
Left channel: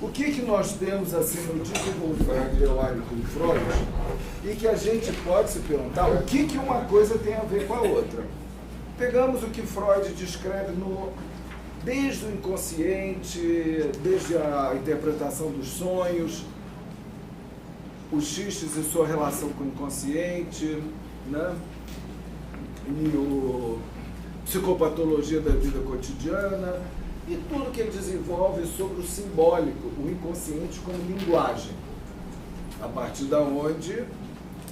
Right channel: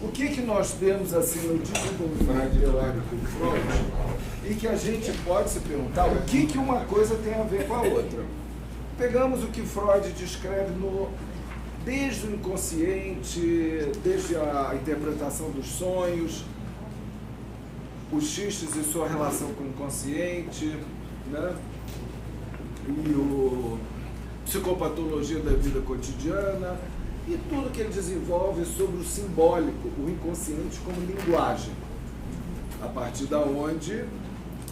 O que nós temos assim no desenvolvimento teórico em Freud e que a gente pode se perguntar o que uma coisa tem a ver com a outra. Pegamos o que Freud descreve desde o inconsciente, desde a interpretação dos sonhos, os xistes e sua relação com o inconsciente, né? E o psicopatologia da vida cotidiana e tudo que ele desenvolve sobre o simbólico, o inconsciente como linguagem, a partir da onde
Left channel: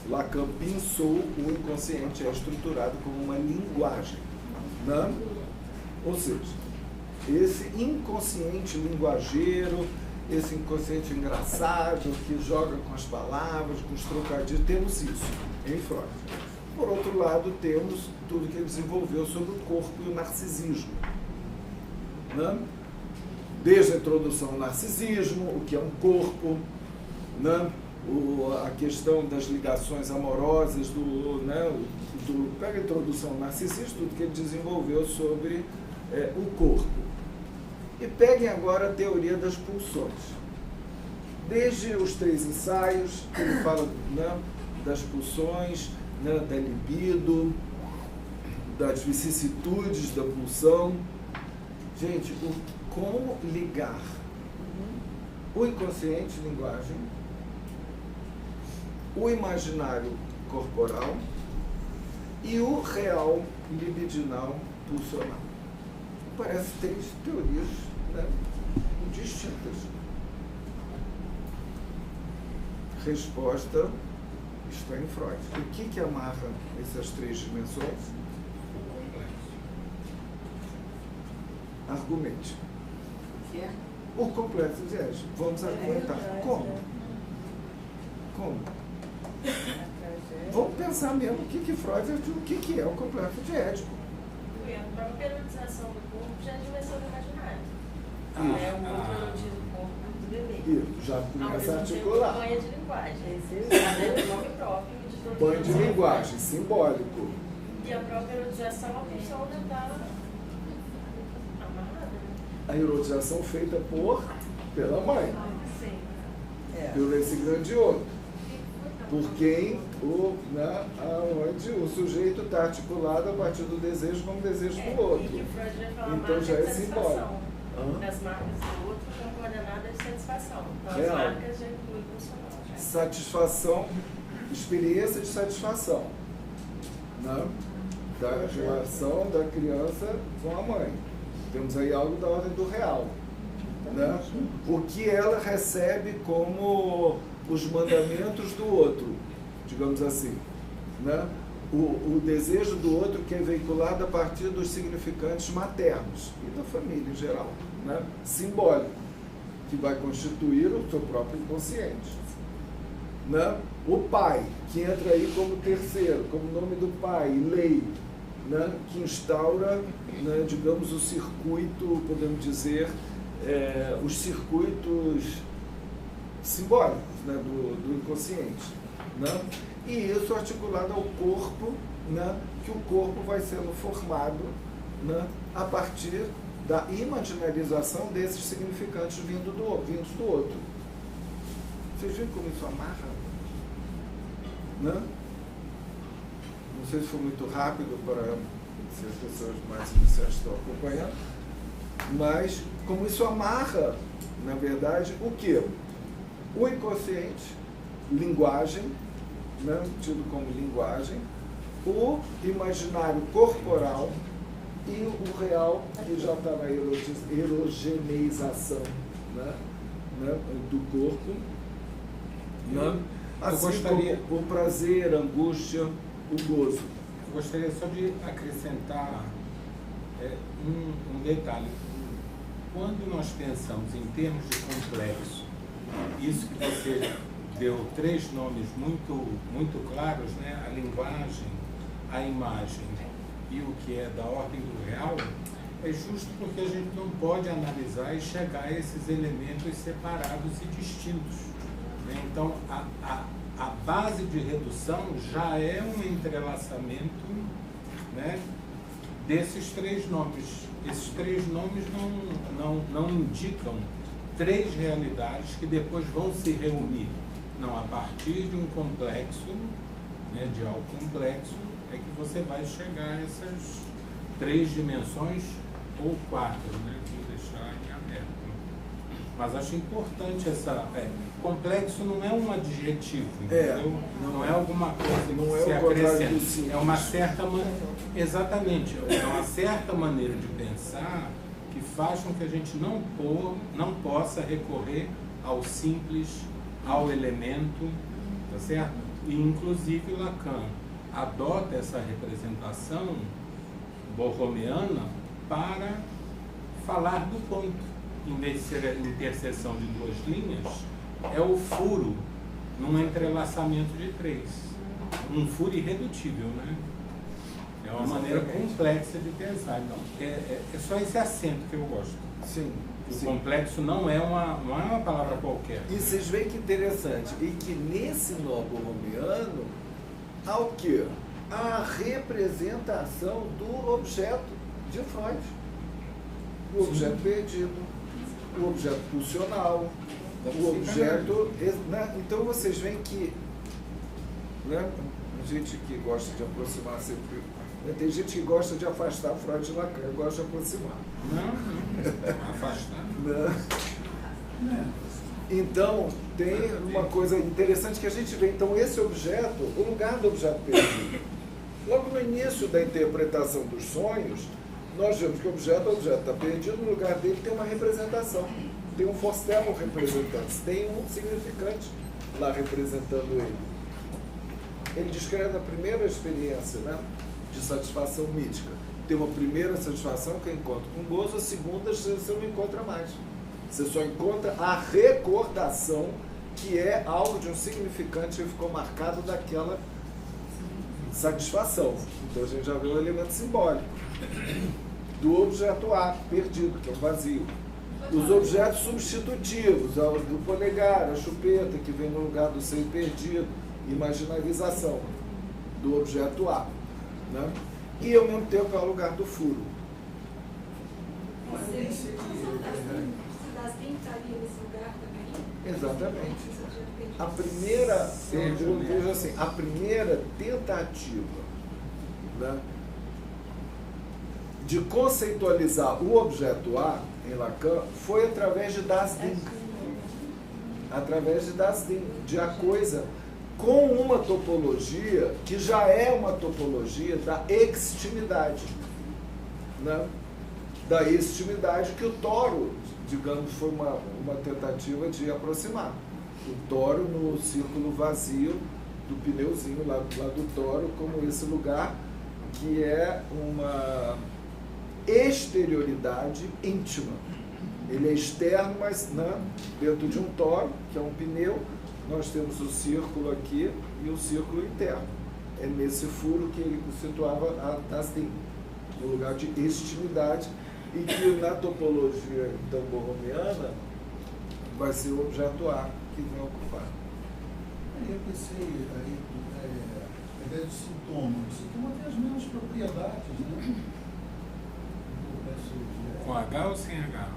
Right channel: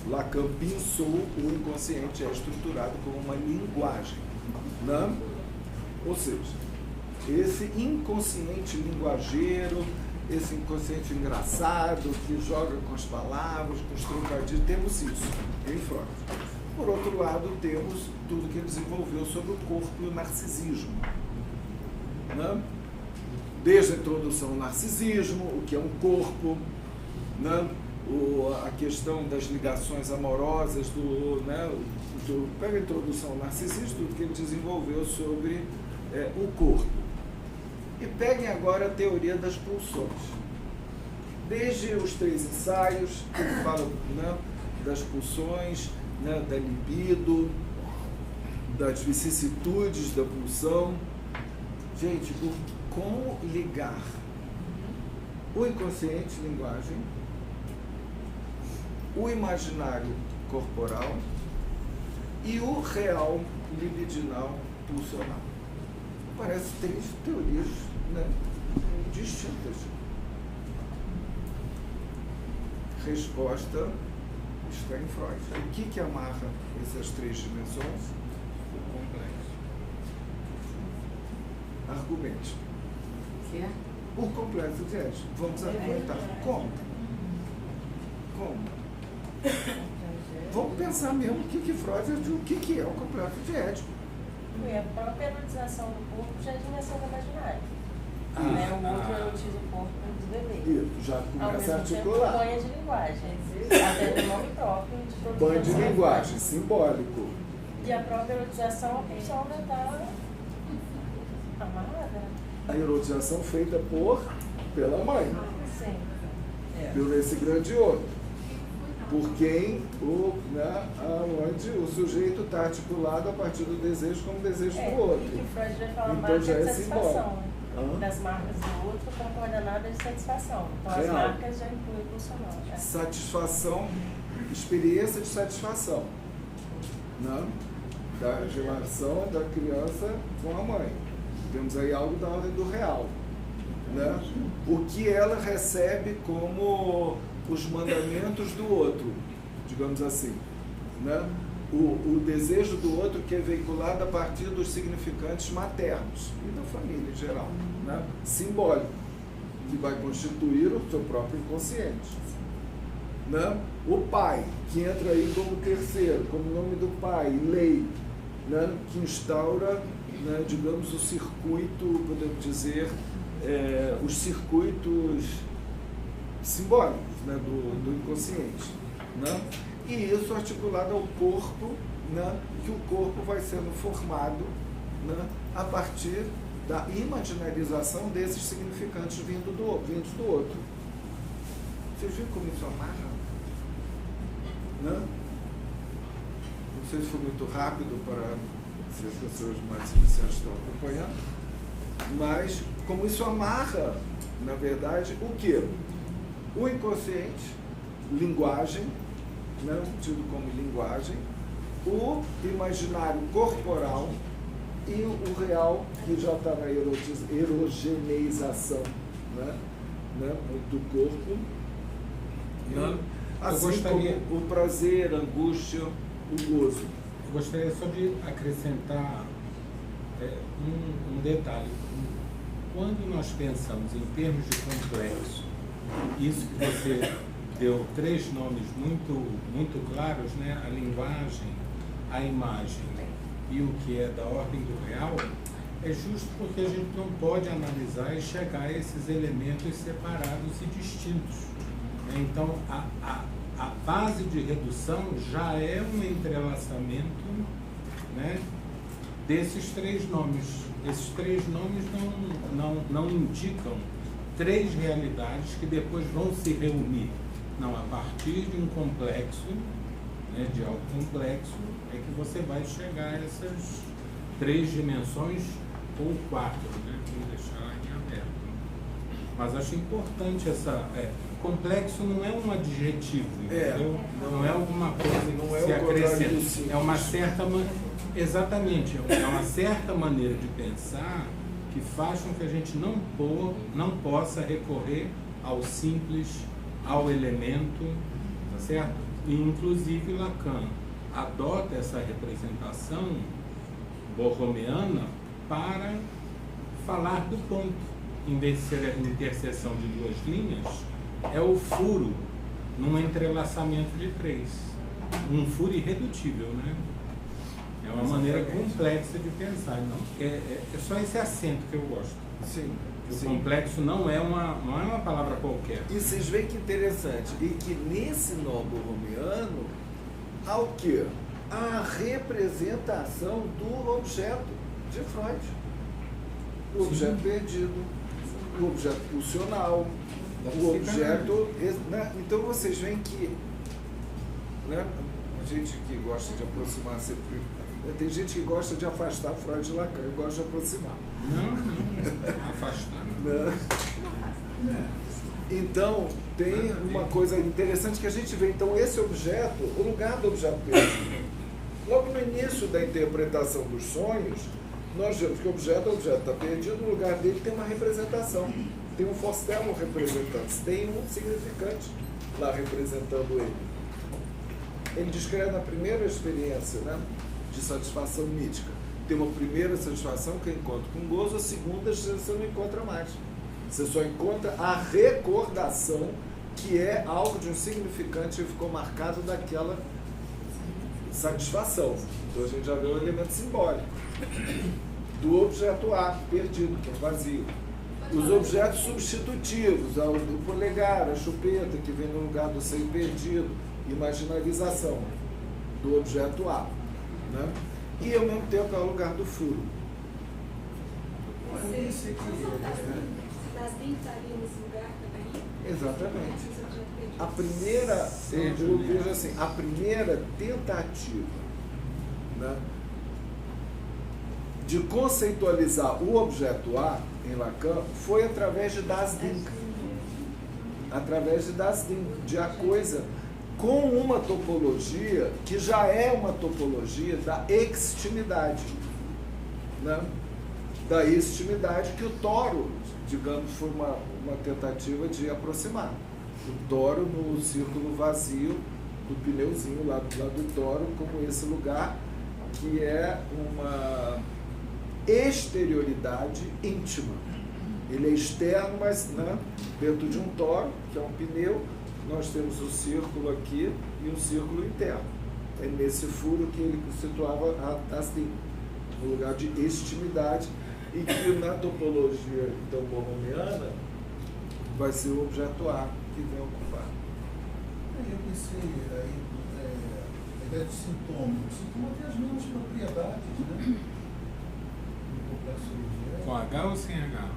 Lacan pensou o inconsciente é estruturado como uma linguagem, né? Ou seja, esse inconsciente linguageiro, esse inconsciente engraçado que joga com as palavras, com os trocadilhos, temos isso em Freud. Por outro lado, temos tudo que ele desenvolveu sobre o corpo e o narcisismo. Né? Desde a introdução ao narcisismo, o que é um corpo, né? A questão das ligações amorosas, pega a introdução ao narcisismo, tudo que ele desenvolveu sobre o corpo. E peguem agora a teoria das pulsões. Desde os 3 ensaios, que ele fala, né, das pulsões, né, da libido, das vicissitudes da pulsão. Gente, como ligar o inconsciente, linguagem, o imaginário corporal e o real libidinal pulsional. Parece 3 teorias, né, distintas. Resposta está em Freud. O que amarra essas 3 dimensões? Argumente. O complexo de Édipo. Vamos argumentar. Como? Vamos pensar mesmo o que Freud o que é o complexo de Édipo. A própria erotização do corpo já é dimensão do imaginário. Isso. O outro erotiza o corpo dos bebês. Isso, já começa a articular. Banho de linguagem. Até o nome próprio de todo Banho de linguagem, simbólico. E a própria erotização, a pulsão já está amarrada. A erotização feita pela mãe, Sim. por esse grande outro. por quem onde o sujeito está articulado a partir do desejo como desejo do outro. E que o Freud vai falar Então já é satisfação. simbólico. Das marcas do outro como coordenada de satisfação. Então Real. as marcas já incluem o pulsional. Satisfação, experiência de satisfação, né? Da relação da criança com a mãe. Temos aí algo da ordem do real, né? O que ela recebe como os mandamentos do outro, digamos assim, né? O desejo do outro que é veiculado a partir dos significantes maternos e da família em geral, né? Simbólico, que vai constituir o seu próprio inconsciente, né? O pai, que entra aí como terceiro, como nome do pai, lei, né? Que instaura, né, digamos, o circuito, podemos dizer, os circuitos simbólicos, né, do inconsciente, né? E isso articulado ao corpo, né, que o corpo vai sendo formado, né, a partir da imaginarização desses significantes vindos do outro. Vocês viram como isso amarra? Né? Não sei se foi muito rápido para se as pessoas mais iniciantes estão acompanhando, mas como isso amarra, na verdade, o quê? O inconsciente, linguagem, né, tido como linguagem, o imaginário corporal e o real, que já está na erogeneização, né, do corpo, né, assim como o prazer, a angústia, o gozo. Gostaria só de acrescentar um detalhe. Quando nós pensamos em termos de complexo, isso que você deu 3 nomes muito claros, né? A linguagem, a imagem e o que é da ordem do real, é justo porque a gente não pode analisar e chegar a esses elementos separados e distintos. Então, a base de redução já é um entrelaçamento, né, desses 3 nomes. Esses 3 nomes não indicam 3 realidades que depois vão se reunir. Não, a partir de um complexo, né, de algo complexo, é que você vai chegar a essas 3 dimensões ou 4, né, que deixar em aberto. Mas acho importante essa... complexo não é um adjetivo, não é alguma coisa. Não é o contrário do simples. É uma certa maneira. Exatamente, é uma certa maneira de pensar que faz com que a gente não possa recorrer ao simples, ao elemento, certo? E inclusive Lacan adota essa representação borromeana para falar do ponto. Em vez de ser a interseção de 2 linhas, é o furo num entrelaçamento de 3. Um furo irredutível, né? É uma maneira complexa de pensar. Então, é só esse acento que eu gosto. Sim, sim. O complexo não é uma palavra qualquer. E vocês veem que interessante, e que nesse nó borromeano há o quê? A representação do objeto de Freud. O objeto perdido, o objeto pulsional, o objeto... Né? Então vocês veem que, né, a gente que gosta de aproximar sempre... Né, tem gente que gosta de afastar Freud de Lacan, eu gosto de aproximar. Então, tem uma coisa interessante que a gente vê. Então, esse objeto, o lugar do objeto perdido. Logo no início da interpretação dos sonhos, nós vemos que o objeto está perdido, no lugar dele tem uma representação. Tem um Fostel representante, tem um significante lá representando ele. Ele descreve na primeira experiência, né, de satisfação mítica. Tem uma primeira satisfação que é encontro com gozo, a segunda você não encontra mais. Você só encontra a recordação, que é algo de um significante que ficou marcado daquela satisfação. Então a gente já vê o elemento simbólico do objeto A, perdido, que é um vazio. Os objetos substitutivos, o polegar, a chupeta, que vem no lugar do seio perdido, imaginarização do objeto A, né? E ao mesmo tempo é o lugar do furo. Das 20 ali nesse lugar também? Exatamente. a primeira, eu vejo assim, a primeira tentativa, né, de conceitualizar o objeto A em Lacan foi através de Das Ding. Através de Das Ding, de a coisa com uma topologia que já é uma topologia da extimidade, né? Da extimidade que o Toro, digamos, foi uma tentativa de aproximar. O Toro no círculo vazio do pneuzinho lá do Toro, como esse lugar que é uma exterioridade íntima. Ele é externo, mas, né, dentro de um toro, que é um pneu, nós temos o círculo aqui e o círculo interno. É nesse furo que ele situava a Das Ding, no lugar de extimidade, e que na topologia então borromiana vai ser o objeto A que vem ocupar. Eu pensei aí, a ideia de sintoma. O sintoma tem as mesmas propriedades, né? Com H ou sem H?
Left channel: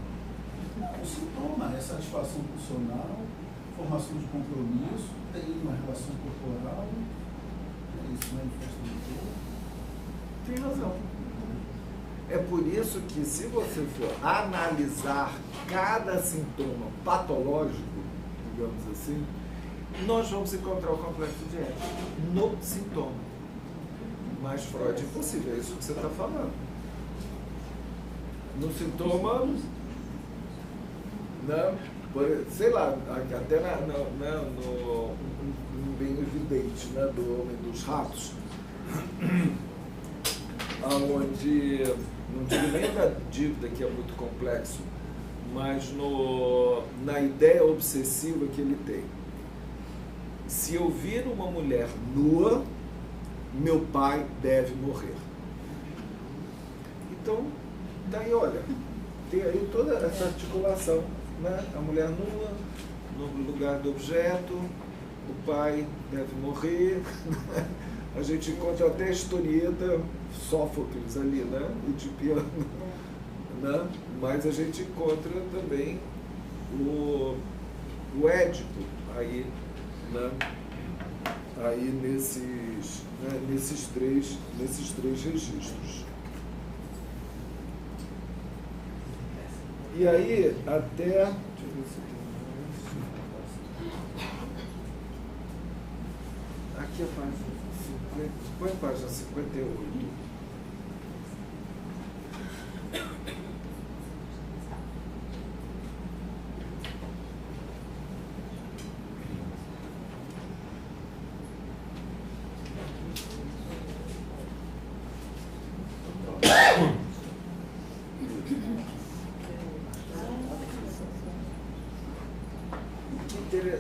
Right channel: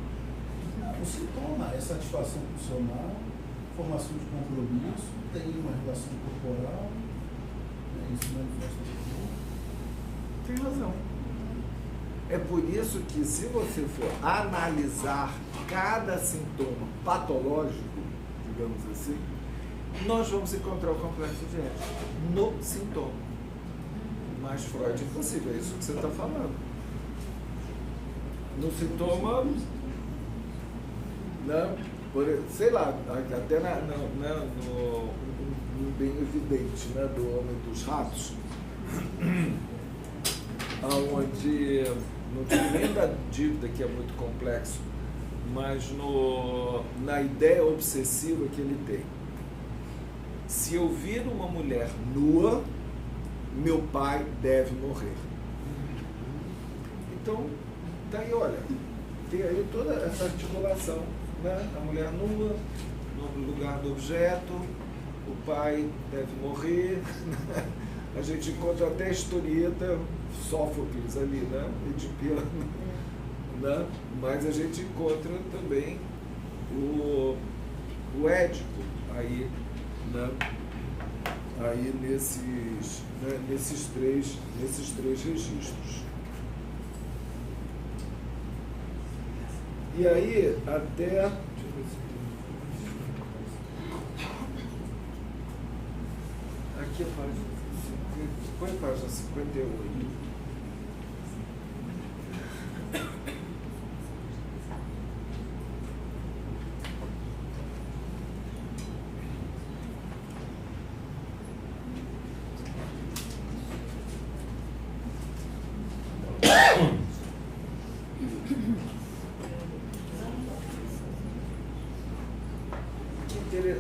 O sintoma é satisfação funcional, formação de compromisso, tem uma relação corporal, isso manifesta no corpo. Tem razão. É por isso que, se você for analisar cada sintoma patológico, digamos assim, nós vamos encontrar o complexo de Édipo no sintoma. Mas Freud é impossível, é isso que você está falando. No sintoma, né, sei lá, até no bem evidente, né, do Homem dos Ratos, onde, não digo nem da dívida, que é muito complexo, mas na ideia obsessiva que ele tem. Se eu vir uma mulher nua, meu pai deve morrer. Então, daí, olha, tem aí toda essa articulação, né? A mulher nua, no lugar do objeto, o pai deve morrer. A gente encontra até a historieta Sófocles ali, né? Edipiano, né? Mas a gente encontra também o Édipo aí, né? Aí nesses três registros. E aí, até... Deixa eu ver se tem mais. Aqui a página 50. Põe a página 58.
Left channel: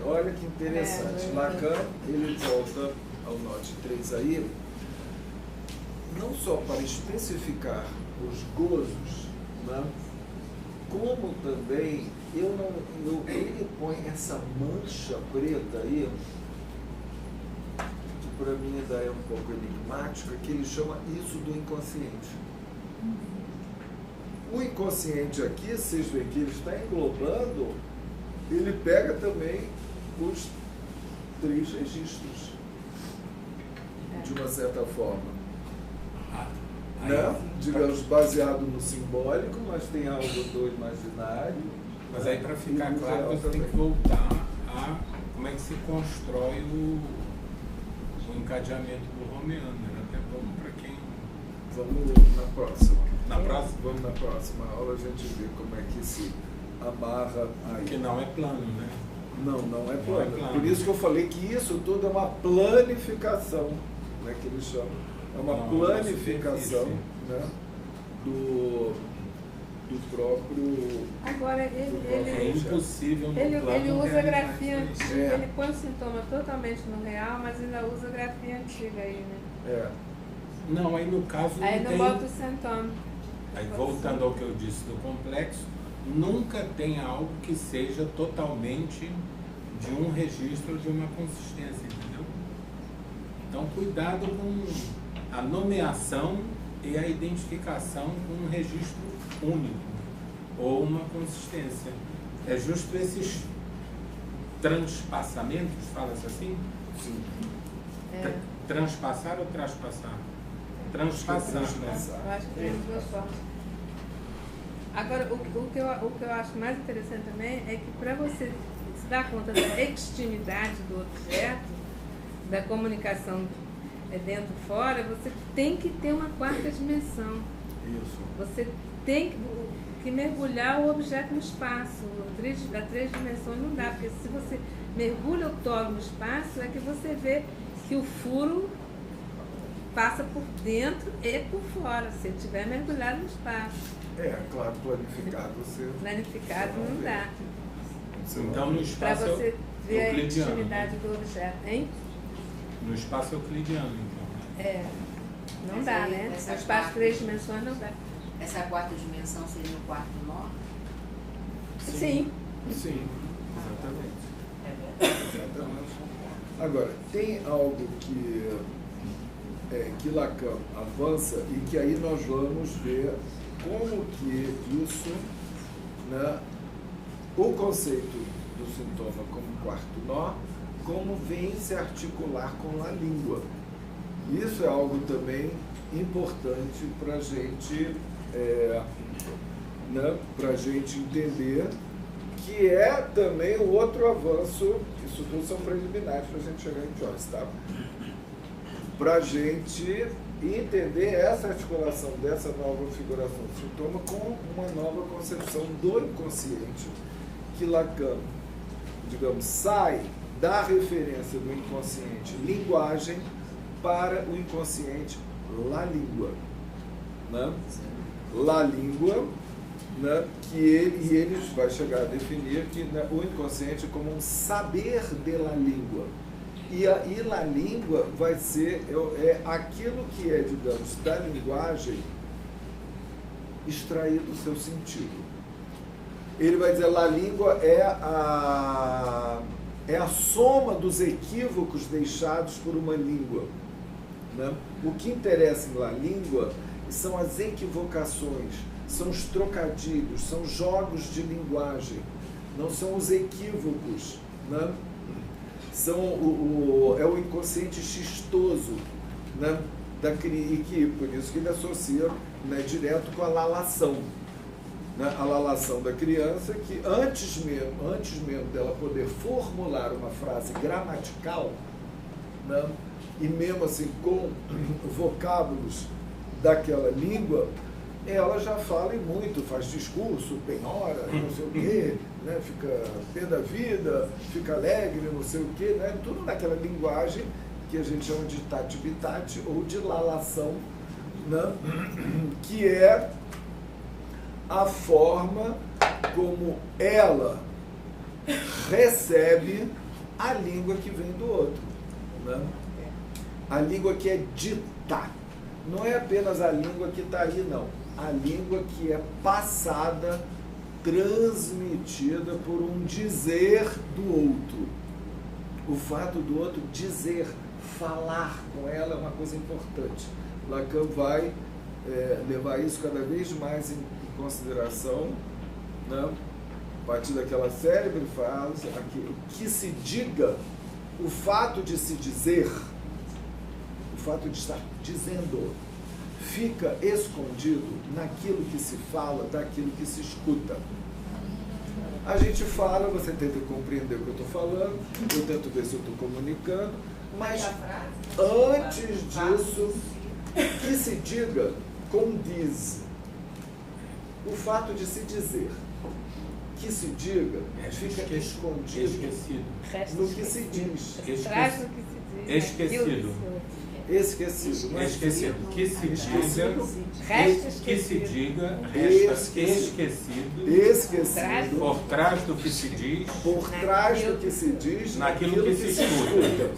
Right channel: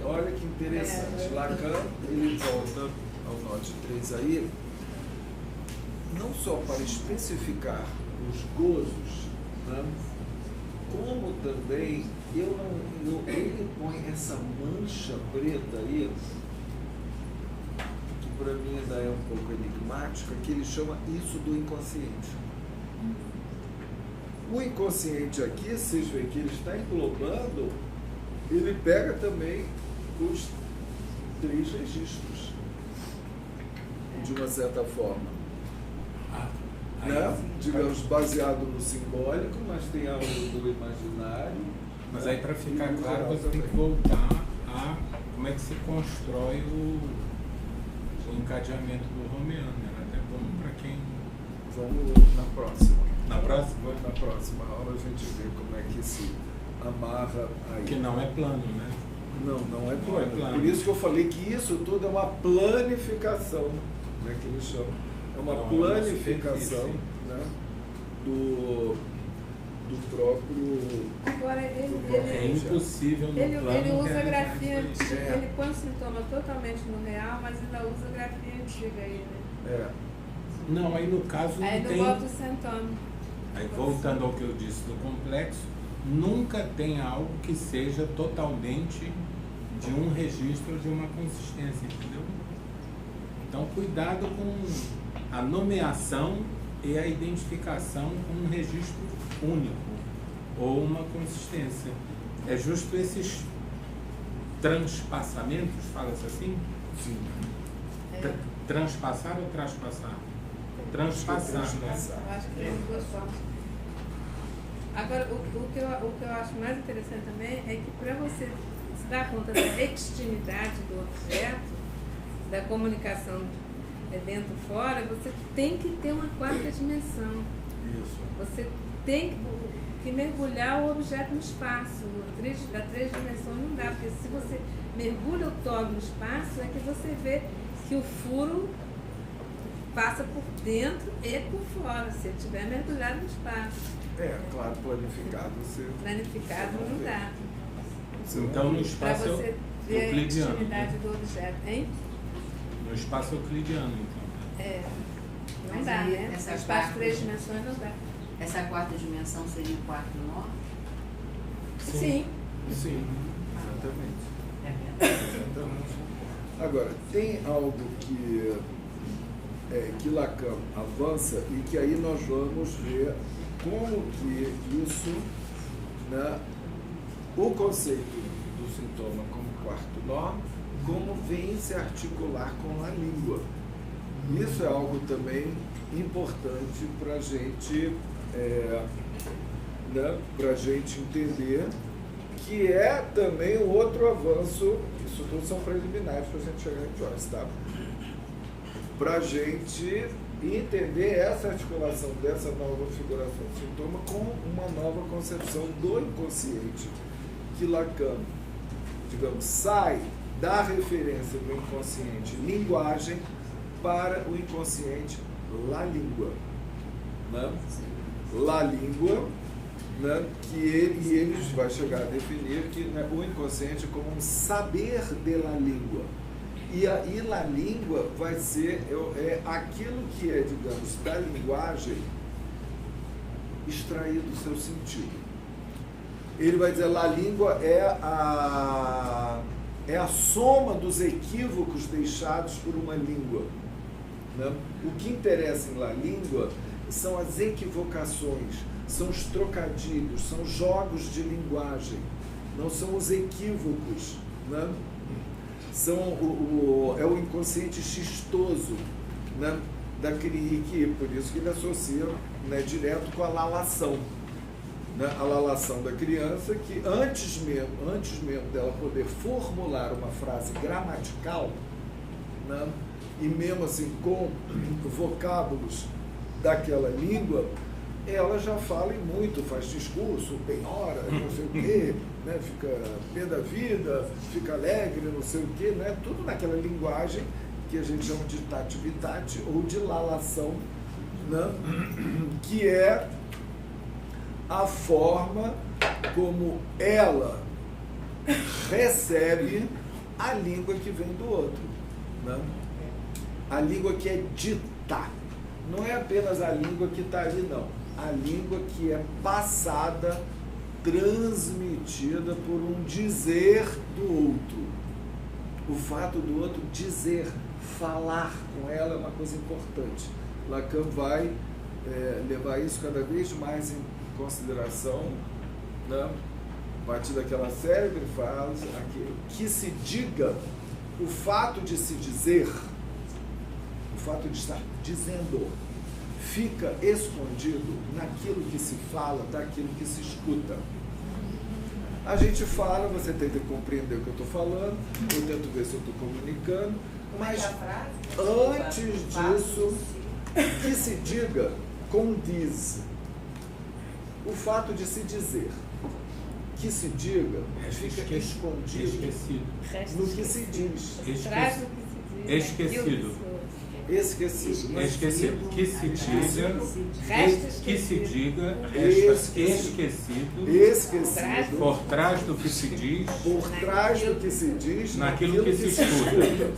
Olha que interessante, Lacan, ele volta ao nó de 3 aí, não só para especificar os gozos, né, como também ele põe essa mancha preta aí, que para mim ainda é um pouco enigmática, que ele chama isso do inconsciente. O inconsciente aqui, vocês veem que ele está englobando, ele pega também os 3 registros, de uma certa forma, né? Digamos, baseado no simbólico, mas tem algo do imaginário, mas né? aí, para ficar E do claro, real você também. tem que voltar a como é que se constrói o encadeamento do romeano, né? Então, para quem... Vamos na próxima. Na próxima? Vamos na próxima aula a gente vê como é que se amarra aí. Porque não é plano, né? Não é plano. Por isso que eu falei que isso tudo é uma planificação, né, que eles chamam. É uma planificação, né, do próprio É objeto. impossível no Ele plano usa grafia antiga, É. ele põe sintoma totalmente no real, mas ainda usa grafia antiga ainda. É. Não, aí no caso não Aí tem. não bota o sintoma. Aí, voltando ao que eu disse do complexo, nunca tem algo que seja totalmente de um registro, de uma consistência, entendeu? Então, cuidado com a nomeação e a identificação com um registro único ou uma consistência. É justo esses transpassamentos, fala-se assim? Sim. Transpassar ou traspassar? Acho que é transpassar. Eu acho que é transpassar. Agora, o que eu acho mais interessante também é que para você se dar conta da extremidade do objeto, da comunicação dentro e fora, você tem que ter uma quarta dimensão. Isso. Você tem que mergulhar o objeto no espaço, a três dimensões não dá, porque se você mergulha o todo no espaço, é que você vê que o furo passa por dentro e por fora, se ele estiver mergulhado no espaço. Claro, planificado você não vê. Dá. Você não Então, vê. no espaço Para você ver a euclidiano. intimidade do objeto, hein? No espaço euclidiano. Mas aí, As três dimensões não dá. essa quarta dimensão seria o quarto nó? Sim. Sim, exatamente. Agora, tem algo que Lacan avança e que aí nós vamos ver como que isso, né, o conceito do sintoma como quarto nó, como vem se articular com a língua. Isso é algo também importante para a gente, para a gente entender, que é também o outro avanço. Isso tudo são preliminares para a gente chegar em Joyce, tá? Para a gente entender essa articulação dessa nova figuração do sintoma com uma nova concepção do inconsciente, que Lacan, digamos, sai da referência do inconsciente linguagem para o inconsciente la língua, né? La língua, né? Que ele vai chegar a definir que, né, o inconsciente como um saber de la língua. E la língua vai ser aquilo que é, digamos, da linguagem extraído do seu sentido. Ele vai dizer la língua é a soma dos equívocos deixados por uma língua, né? O que interessa em la língua são as equivocações, são os trocadilhos, são jogos de linguagem, não são os equívocos, né? É o inconsciente xistoso, né? E que, por isso que ele associa, né, direto com a lalação, né? A lalação da criança, que antes mesmo dela poder formular uma frase gramatical, né, e mesmo assim com vocábulos daquela língua, ela já fala e muito, faz discurso, penhora, não sei o quê, né? Fica pé da vida, fica alegre, não sei o quê, né? Tudo naquela linguagem que a gente chama de tati-bitati ou de lalação, né? Que é a forma como ela recebe a língua que vem do outro, né? A língua que é dita. Não é apenas a língua que está aí, não. A língua que é passada, transmitida por um dizer do outro. O fato do outro dizer, falar com ela é uma coisa importante. Lacan vai levar isso cada vez mais em consideração, né? A partir daquela célebre frase, que se diga, o fato de se dizer, o fato de estar dizendo, fica escondido naquilo que se fala, daquilo que se escuta. A gente fala, você tenta compreender o que eu estou falando, eu tento ver se eu estou comunicando, mas antes disso, que se diga, condiz. O fato de se dizer, que se diga, fica escondido no que se diz. Esquecido, não é esquecido? Esquecido. Que se diga. Esquecido. Por trás do que se diz. Por trás do que se diz, naquilo que se escuta.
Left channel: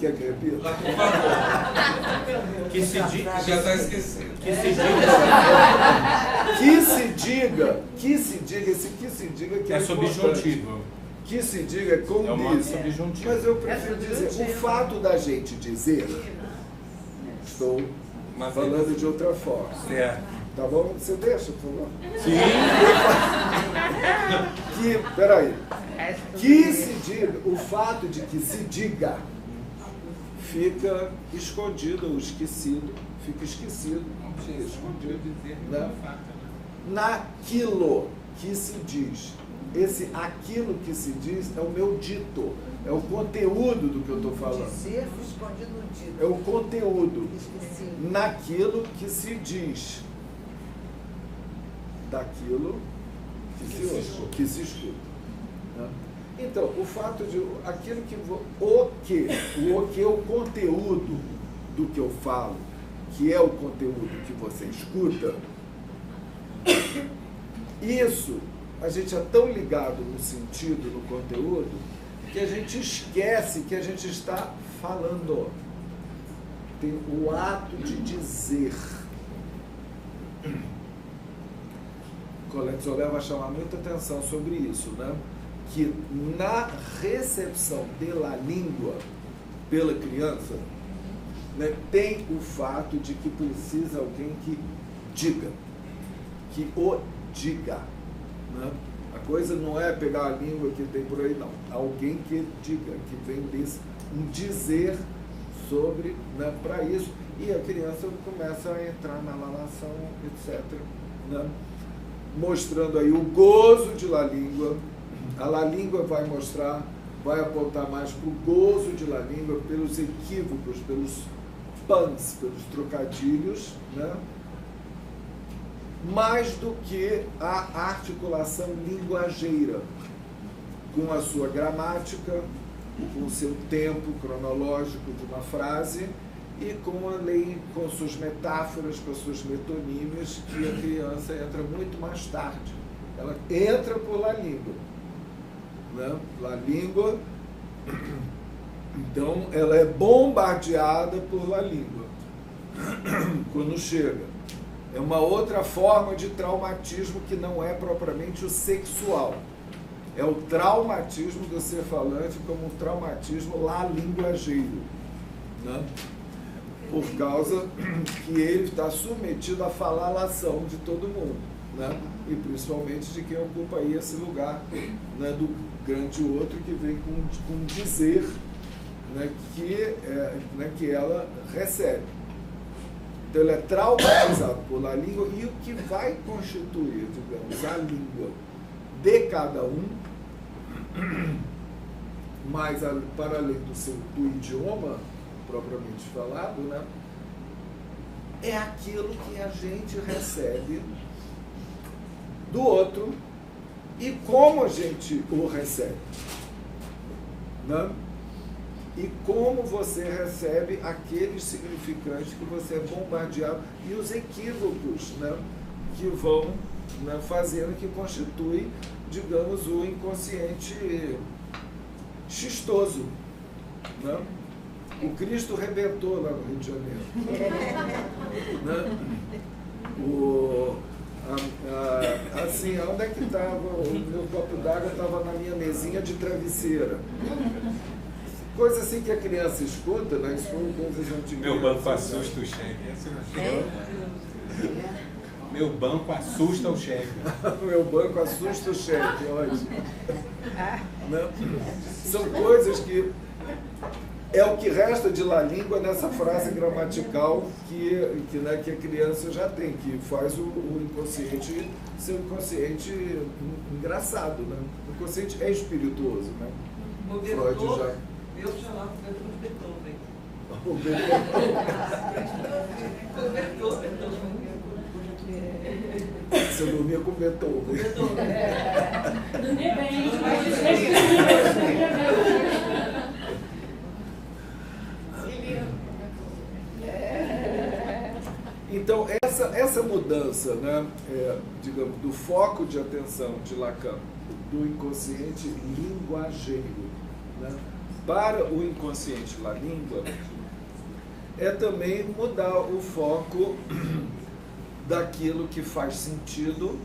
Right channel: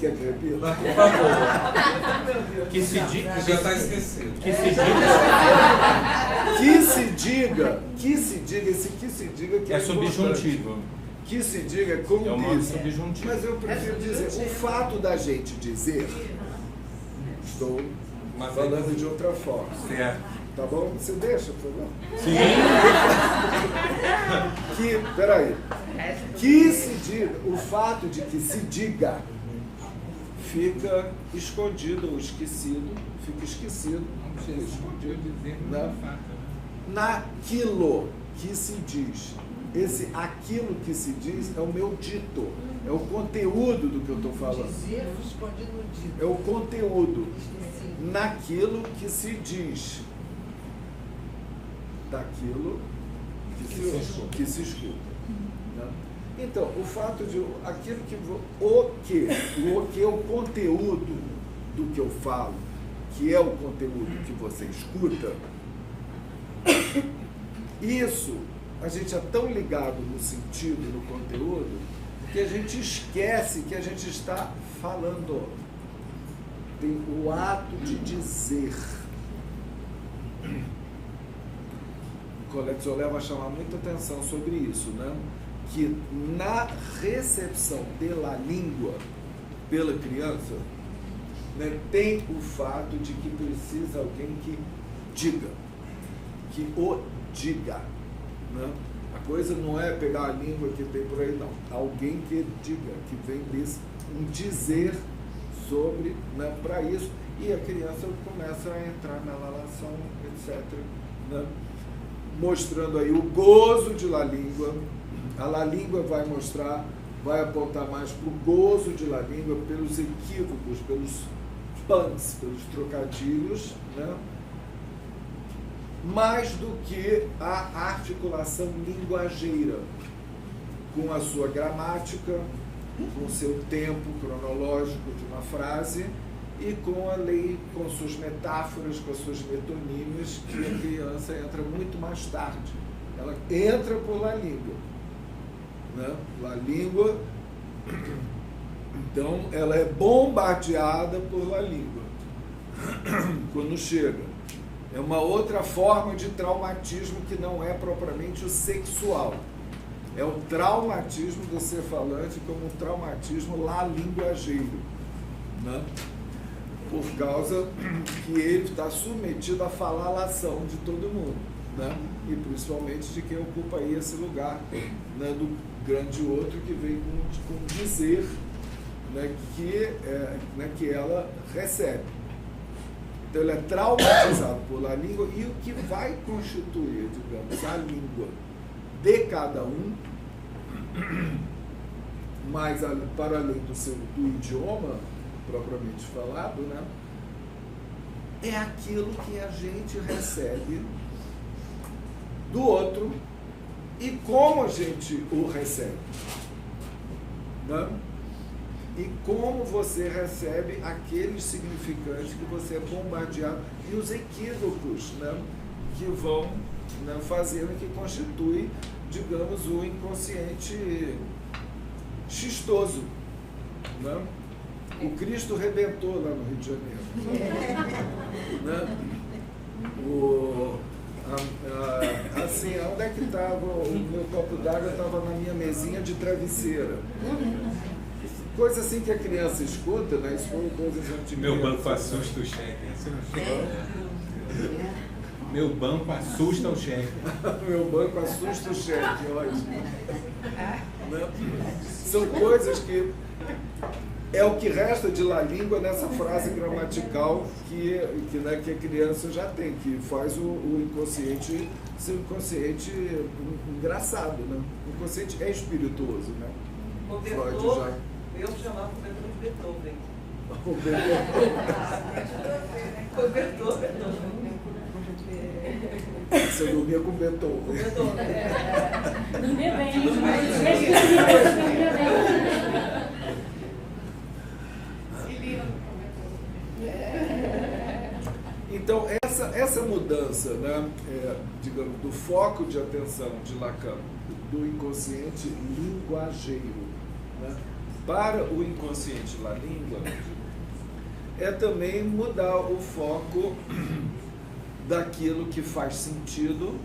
Quer que repita? Por favor. Que se diga. Já está esquecido. Que se diga, esse que se diga que é importante. Que se diga condiz. Mas eu prefiro dizer, o fato da gente dizer, estou falando de outra forma. Tá bom? Você deixa, por favor? Peraí. que se diga, o fato de que se diga, fica escondido ou esquecido, fica esquecido, fica escondido, né? Naquilo que se diz. Esse aquilo que se diz é o meu dito, é o conteúdo do que eu estou falando. É o conteúdo. Naquilo que se diz. Daquilo que se ouve, que se escuta. Né? Então, o fato de aquilo que o que é o conteúdo do que eu falo, que é o conteúdo que você escuta, isso a gente é tão ligado no sentido, no conteúdo, que a gente esquece que a gente está falando. Tem o ato de dizer. Colette Soler vai chamar muita atenção sobre isso, né? Que na recepção da língua pela criança, né, tem o fato de que precisa alguém que diga, que o diga. Né? A coisa não é pegar a língua que tem por aí, não. Alguém que diga, que vem desse, um dizer sobre, né, para isso, e a criança começa a entrar na lalação, etc. Né? Mostrando aí o gozo de la língua. A la língua vai mostrar, vai apontar mais para o gozo de la língua, pelos equívocos, pelos puns, pelos trocadilhos, né? Mais do que a articulação linguageira, com a sua gramática, com o seu tempo cronológico de uma frase e com a lei, com suas metáforas, com as suas metonímias, que a criança entra muito mais tarde. Ela entra por la língua. Né? La língua, então, ela é bombardeada por la língua quando chega. É uma outra forma de traumatismo que não é propriamente o sexual. É o traumatismo do ser falante como um traumatismo lá linguageiro, né? Por causa que ele está submetido à falalação de todo mundo, né? E principalmente de quem ocupa aí esse lugar, né, do grande outro que vem com dizer, né, que ela recebe. Então ele é traumatizado por la língua, e o que vai constituir, digamos, a língua de cada um, mas para além do idioma propriamente falado, né, é aquilo que a gente recebe do outro e como a gente o recebe, né? E como você recebe aqueles significantes que você é bombardeado e os equívocos, né, que vão, né, fazendo, que constitui, digamos, o inconsciente xistoso, né? O Cristo rebentou lá no Rio de Janeiro, né? Assim, onde é que estava o meu copo d'água? Estava na minha mesinha de travesseira. Coisa assim que a criança escuta, né? Isso foram 2 exemplos de criança. Meu banco assusta o chefe. Meu banco assusta o chefe. Meu banco assusta o chefe, ótimo. Né? São coisas que é o que resta de la língua nessa frase gramatical que a criança já tem, que faz o inconsciente ser um inconsciente engraçado, né? O inconsciente é espirituoso, né? Freud já... Eu chamava o Beethoven. O Beethoven. O Beethoven. Você dormia com Beethoven. Dormia bem. Então, essa mudança, né, digamos, do foco de atenção de Lacan, do inconsciente linguageiro, né, para o inconsciente la língua, é também mudar o foco daquilo que faz sentido,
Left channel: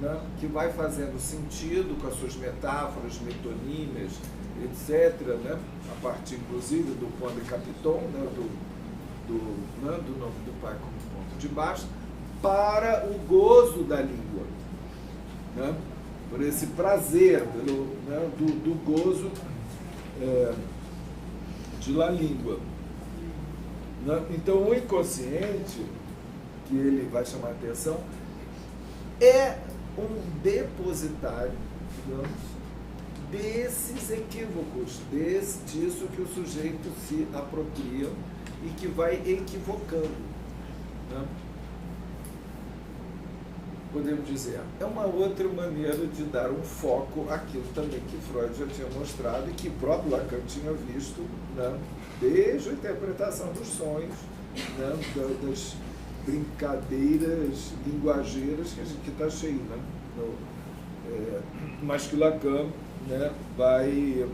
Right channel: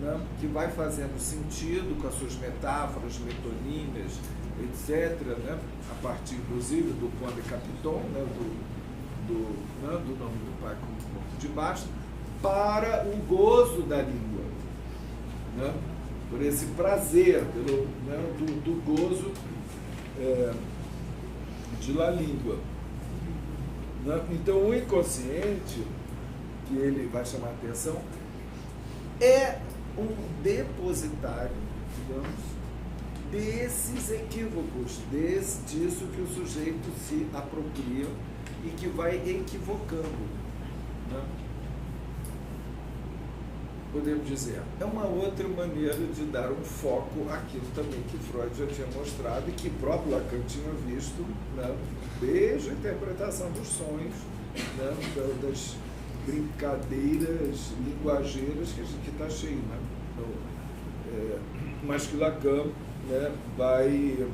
né, que vai fazendo sentido com as suas metáforas, metonímias, etc., né, a partir, inclusive, do point de capiton, né, do nome do pai como ponto de baixo, para o gozo da língua, né? por esse prazer, pelo, né, do gozo de la língua. Né? Então, o inconsciente, que ele vai chamar a atenção, é um depositário, digamos, desses equívocos, disso que o sujeito se apropria e que vai equivocando. Né? Podemos dizer, é uma outra maneira de dar um foco àquilo também que Freud já tinha mostrado e que o próprio Lacan tinha visto, né, desde a interpretação dos sonhos, né, das brincadeiras linguageiras que a gente está cheio, né? Mas que Lacan, né, vai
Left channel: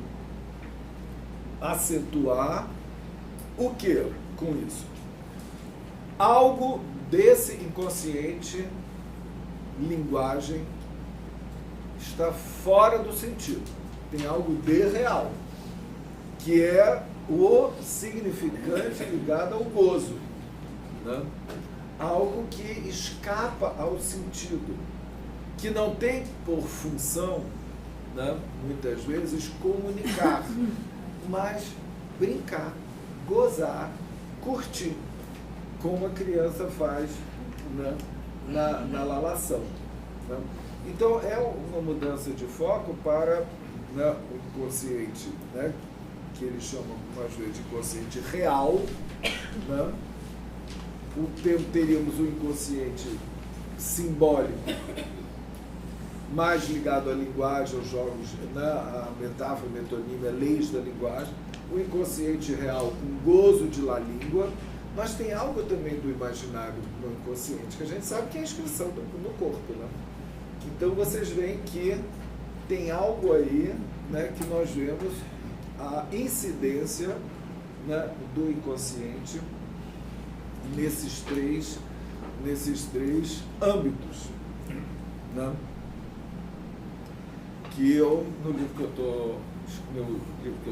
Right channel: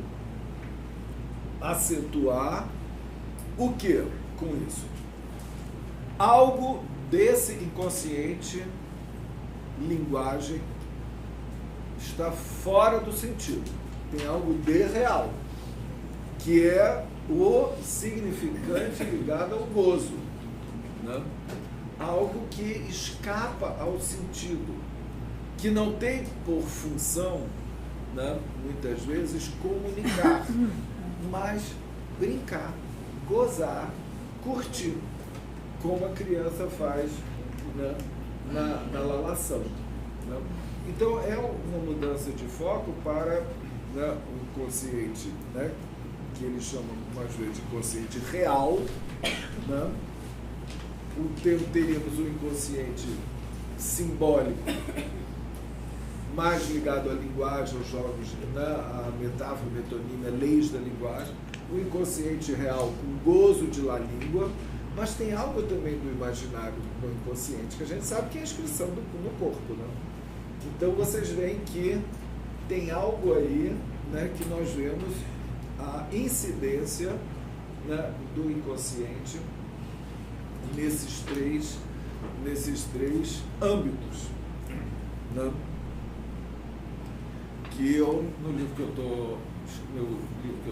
acentuar o que com isso? Algo desse inconsciente linguagem está fora do sentido. Tem algo de real, que é o significante ligado ao gozo, né? Algo que escapa ao sentido, que não tem por função, né, muitas vezes, comunicar, mas brincar, gozar, curtir, como a criança faz, né, na lalação. Né? Então, é uma mudança de foco para, né, o inconsciente, né, que eles chamam, mais vezes, de inconsciente real. Né? Teríamos o inconsciente simbólico, mais ligado à linguagem, aos jogos, né, à metáfora, metonímia, leis da linguagem. O inconsciente real com gozo de la língua, mas tem algo também do imaginário no inconsciente, que a gente sabe que é a inscrição no corpo. Né? Então, vocês veem que tem algo aí, né, que nós vemos a incidência, né, do inconsciente nesses três âmbitos. Né? Que eu, no livro que eu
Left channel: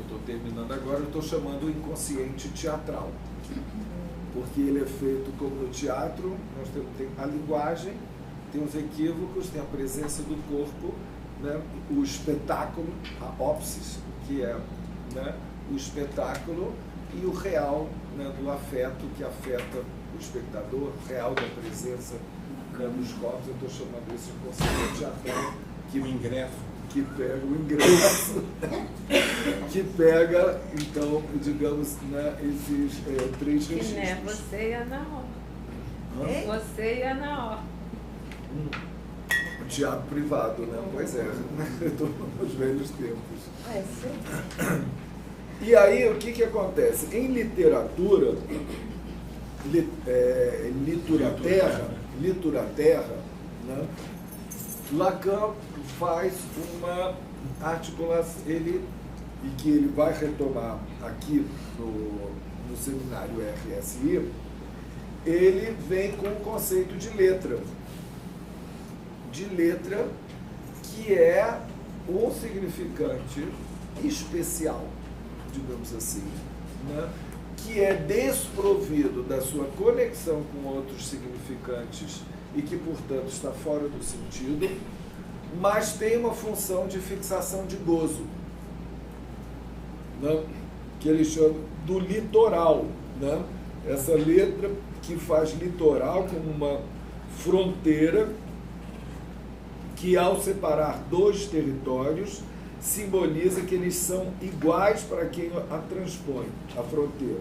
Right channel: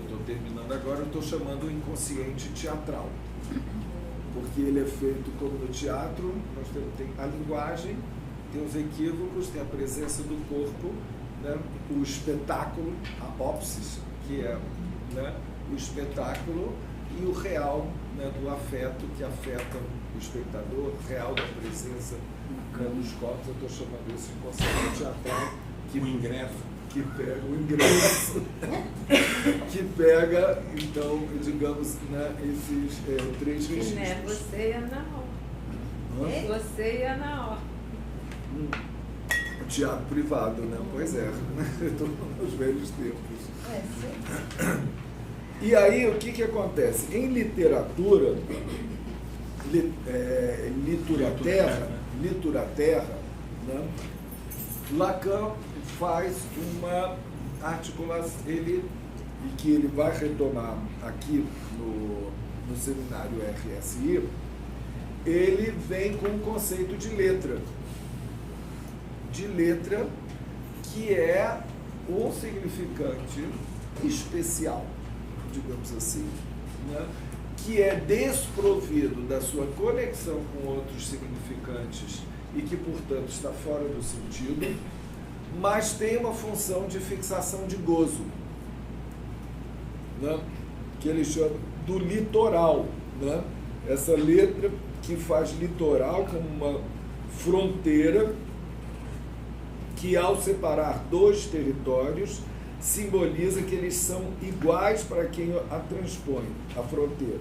estou terminando agora, eu estou chamando o inconsciente teatral. Porque ele é feito como no teatro, nós tem a linguagem, tem os equívocos, tem a presença do corpo, né? O espetáculo, a ópsis, que é, né, o espetáculo, e o real, né, do afeto, que afeta o espectador, real da presença, né, dos corpos. Eu estou chamando isso de inconsciente teatral, que pega o ingresso, que pega, então, digamos, né, esses três registros. Você ia na hora. Você ia na hora. Teatro privado, né? Pois é, estou nos velhos tempos. E aí, o que acontece? Em literatura, literaterra, né? Lacan faz uma articulação, e que ele vai retomar aqui no seminário RSI, ele vem com o conceito de letra, que é um significante especial, digamos assim, né? Que é desprovido da sua conexão com outros significantes e que, portanto, está fora do sentido, mas tem uma função de fixação de gozo, né? Que ele chama do litoral, né? Essa letra que faz litoral como uma fronteira que, ao separar dois territórios, simboliza que eles são iguais para quem a transpõe, a fronteira,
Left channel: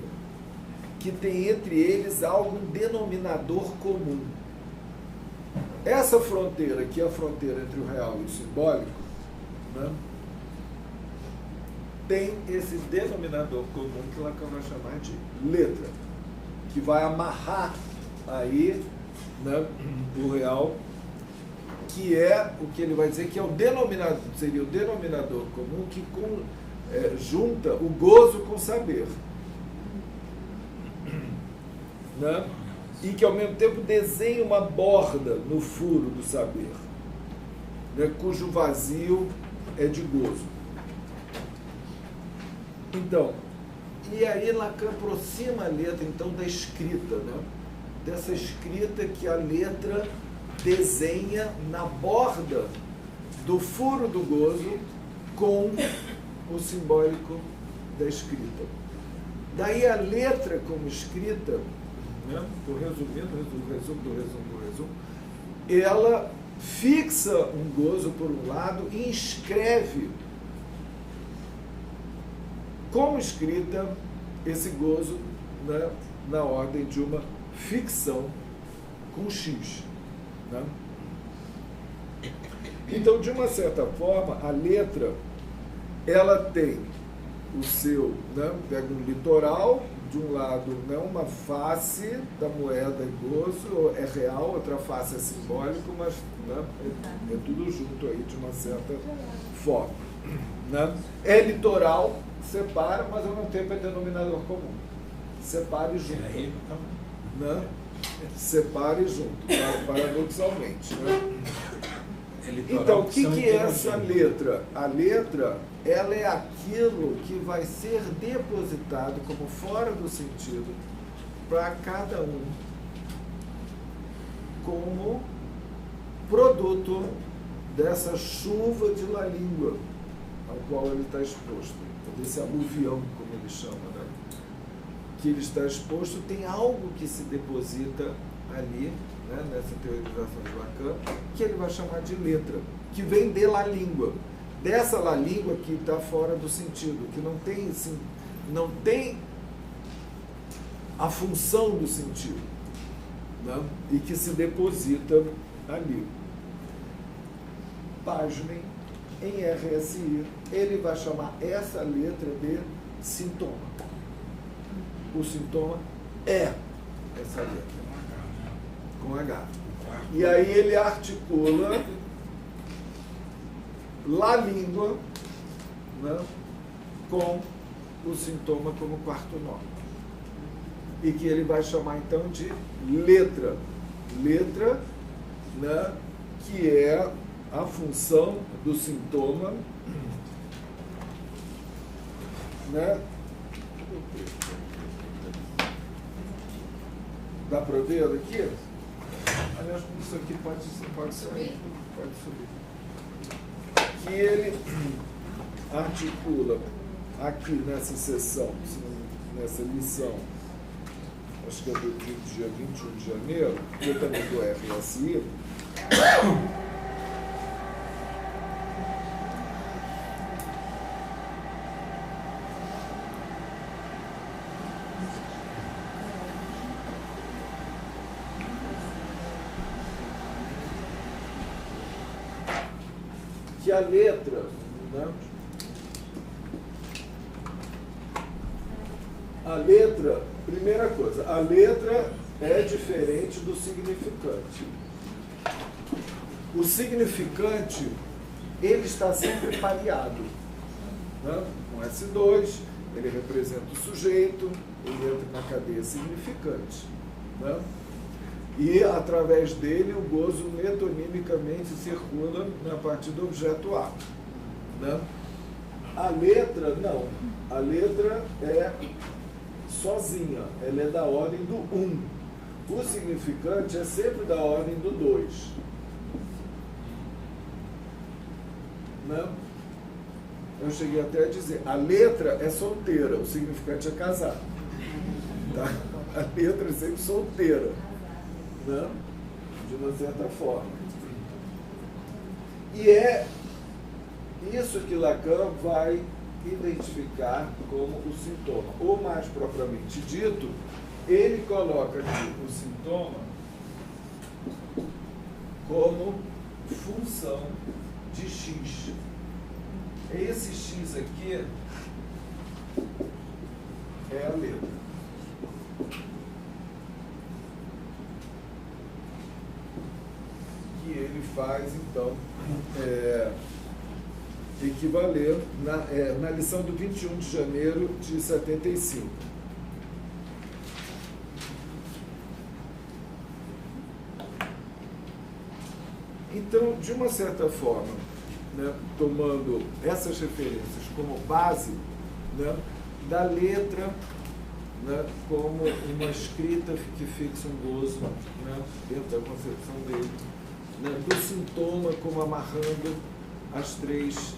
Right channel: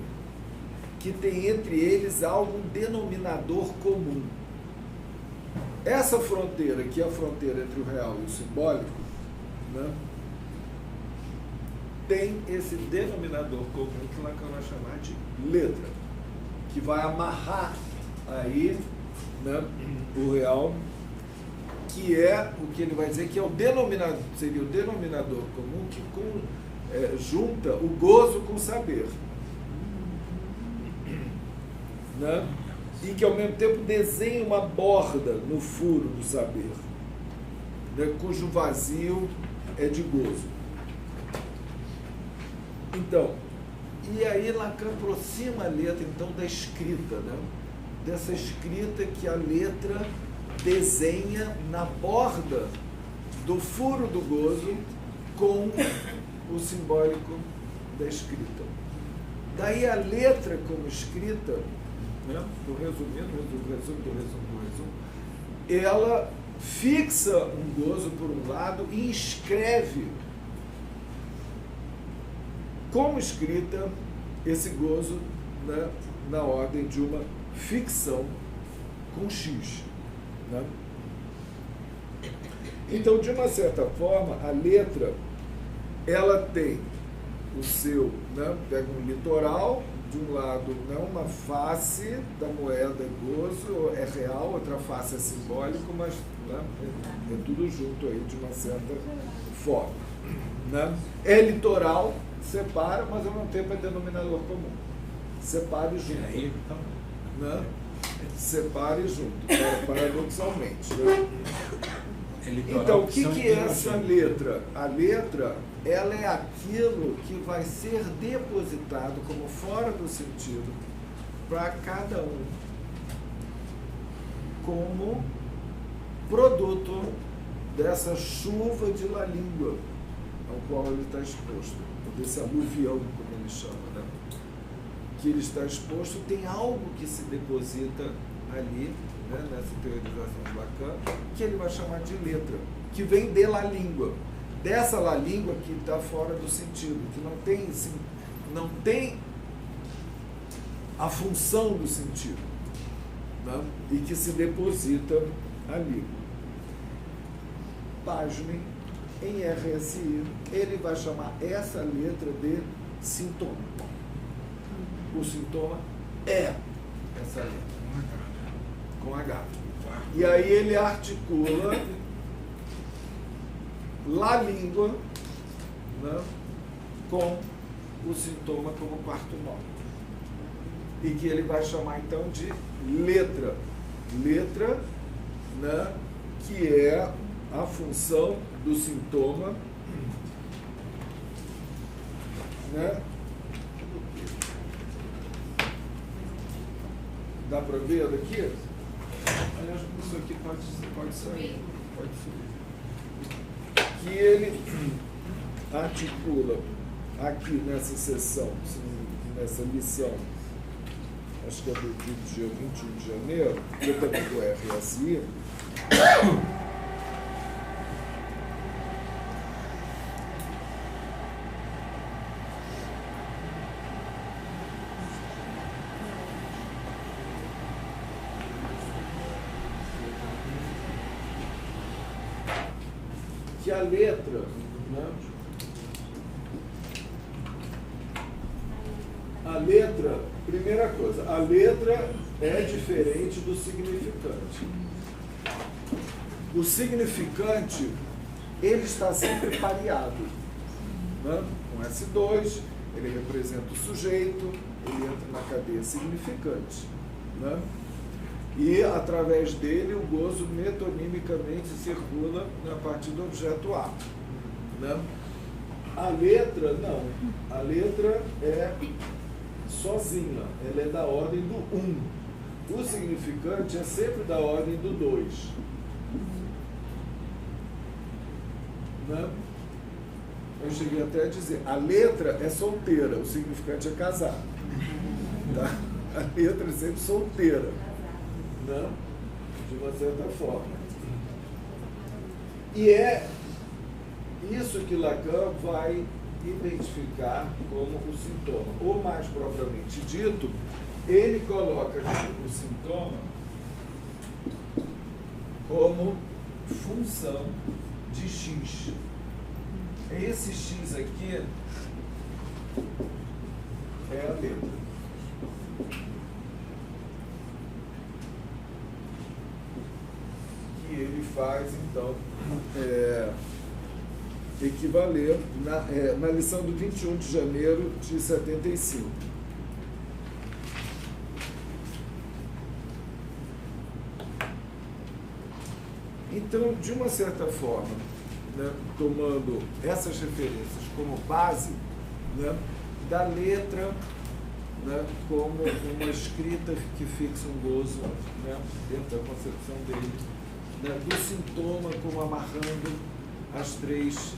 que tem entre eles algum denominador comum. Essa fronteira, que é a fronteira entre o real e o simbólico, né, tem esse denominador comum que Lacan vai chamar de letra, que vai amarrar aí, né, o real, que é o que ele vai dizer que é o denominador, seria o denominador comum que junta o gozo com o saber, né? E que ao mesmo tempo desenha uma borda no furo do saber, né? Cujo vazio é de gozo. Então, e aí Lacan aproxima a letra então da escrita, né? Dessa escrita que a letra desenha na borda do furo do gozo com o simbólico da escrita. Daí a letra como escrita, né, estou resumindo, resumo, ela fixa um gozo por um lado e inscreve como escrita esse gozo, né, na ordem de uma ficção com X. Né? Então, de uma certa forma, a letra ela tem o seu, né, pega um litoral, de um lado, né, uma face da moeda é gozo, é real, outra face é simbólico, mas, né, é tudo junto aí de uma certa forma. Né? É litoral, separa, mas ao mesmo tempo é denominador comum. Separa e junta. Né? Separa e junta, paradoxalmente. Né? Então, o que é essa letra? A letra, ela é aquilo que vai ser depositado como fora do sentido para cada um como produto dessa chuva de la língua ao qual ele está exposto, ou desse aluvião, como ele chama, né? Que ele está exposto, tem algo que se deposita ali, né, nessa teorização de Lacan, que ele vai chamar de letra, que vem de la língua, dessa la língua que está fora do sentido, que não tem a função do sentido, né, e que se deposita ali. Página em RSI, ele vai chamar essa letra de sintoma. O sintoma é essa letra, com H. E aí ele articula la língua, né, com o sintoma como quarto nome. E que ele vai chamar então de letra. Letra, né, que é a função do sintoma, né? Cadê o texto? Dá para ver daqui? Aliás, isso aqui pode sair, pode subir. Que ele articula aqui nessa sessão, nessa lição, acho que é do dia 21 de janeiro, que eu também do RSI, que a letra, né? A letra, primeira coisa, a letra é diferente do significante. O significante, ele está sempre pareado, né? Com S2, ele representa o sujeito, ele entra na cadeia significante, né? E, através dele, o gozo metonimicamente circula, né, a partir do objeto A. Né? A letra, não. A letra é sozinha, ela é da ordem do 1. O significante é sempre da ordem do 2. Né? Eu cheguei até a dizer, a letra é solteira, o significante é casado. Tá? A letra é sempre solteira. Né? De uma certa forma. E é isso que Lacan vai identificar como o sintoma. Ou, mais propriamente dito, ele coloca aqui o sintoma como função de X. Esse X aqui é a letra. Ele faz, então, equivaler na lição do 21 de janeiro de 75. Então, de uma certa forma, né, tomando essas referências como base, né, da letra, né, como uma escrita que fixa um gozo, né, dentro da concepção dele, né, do sintoma como amarrando as 3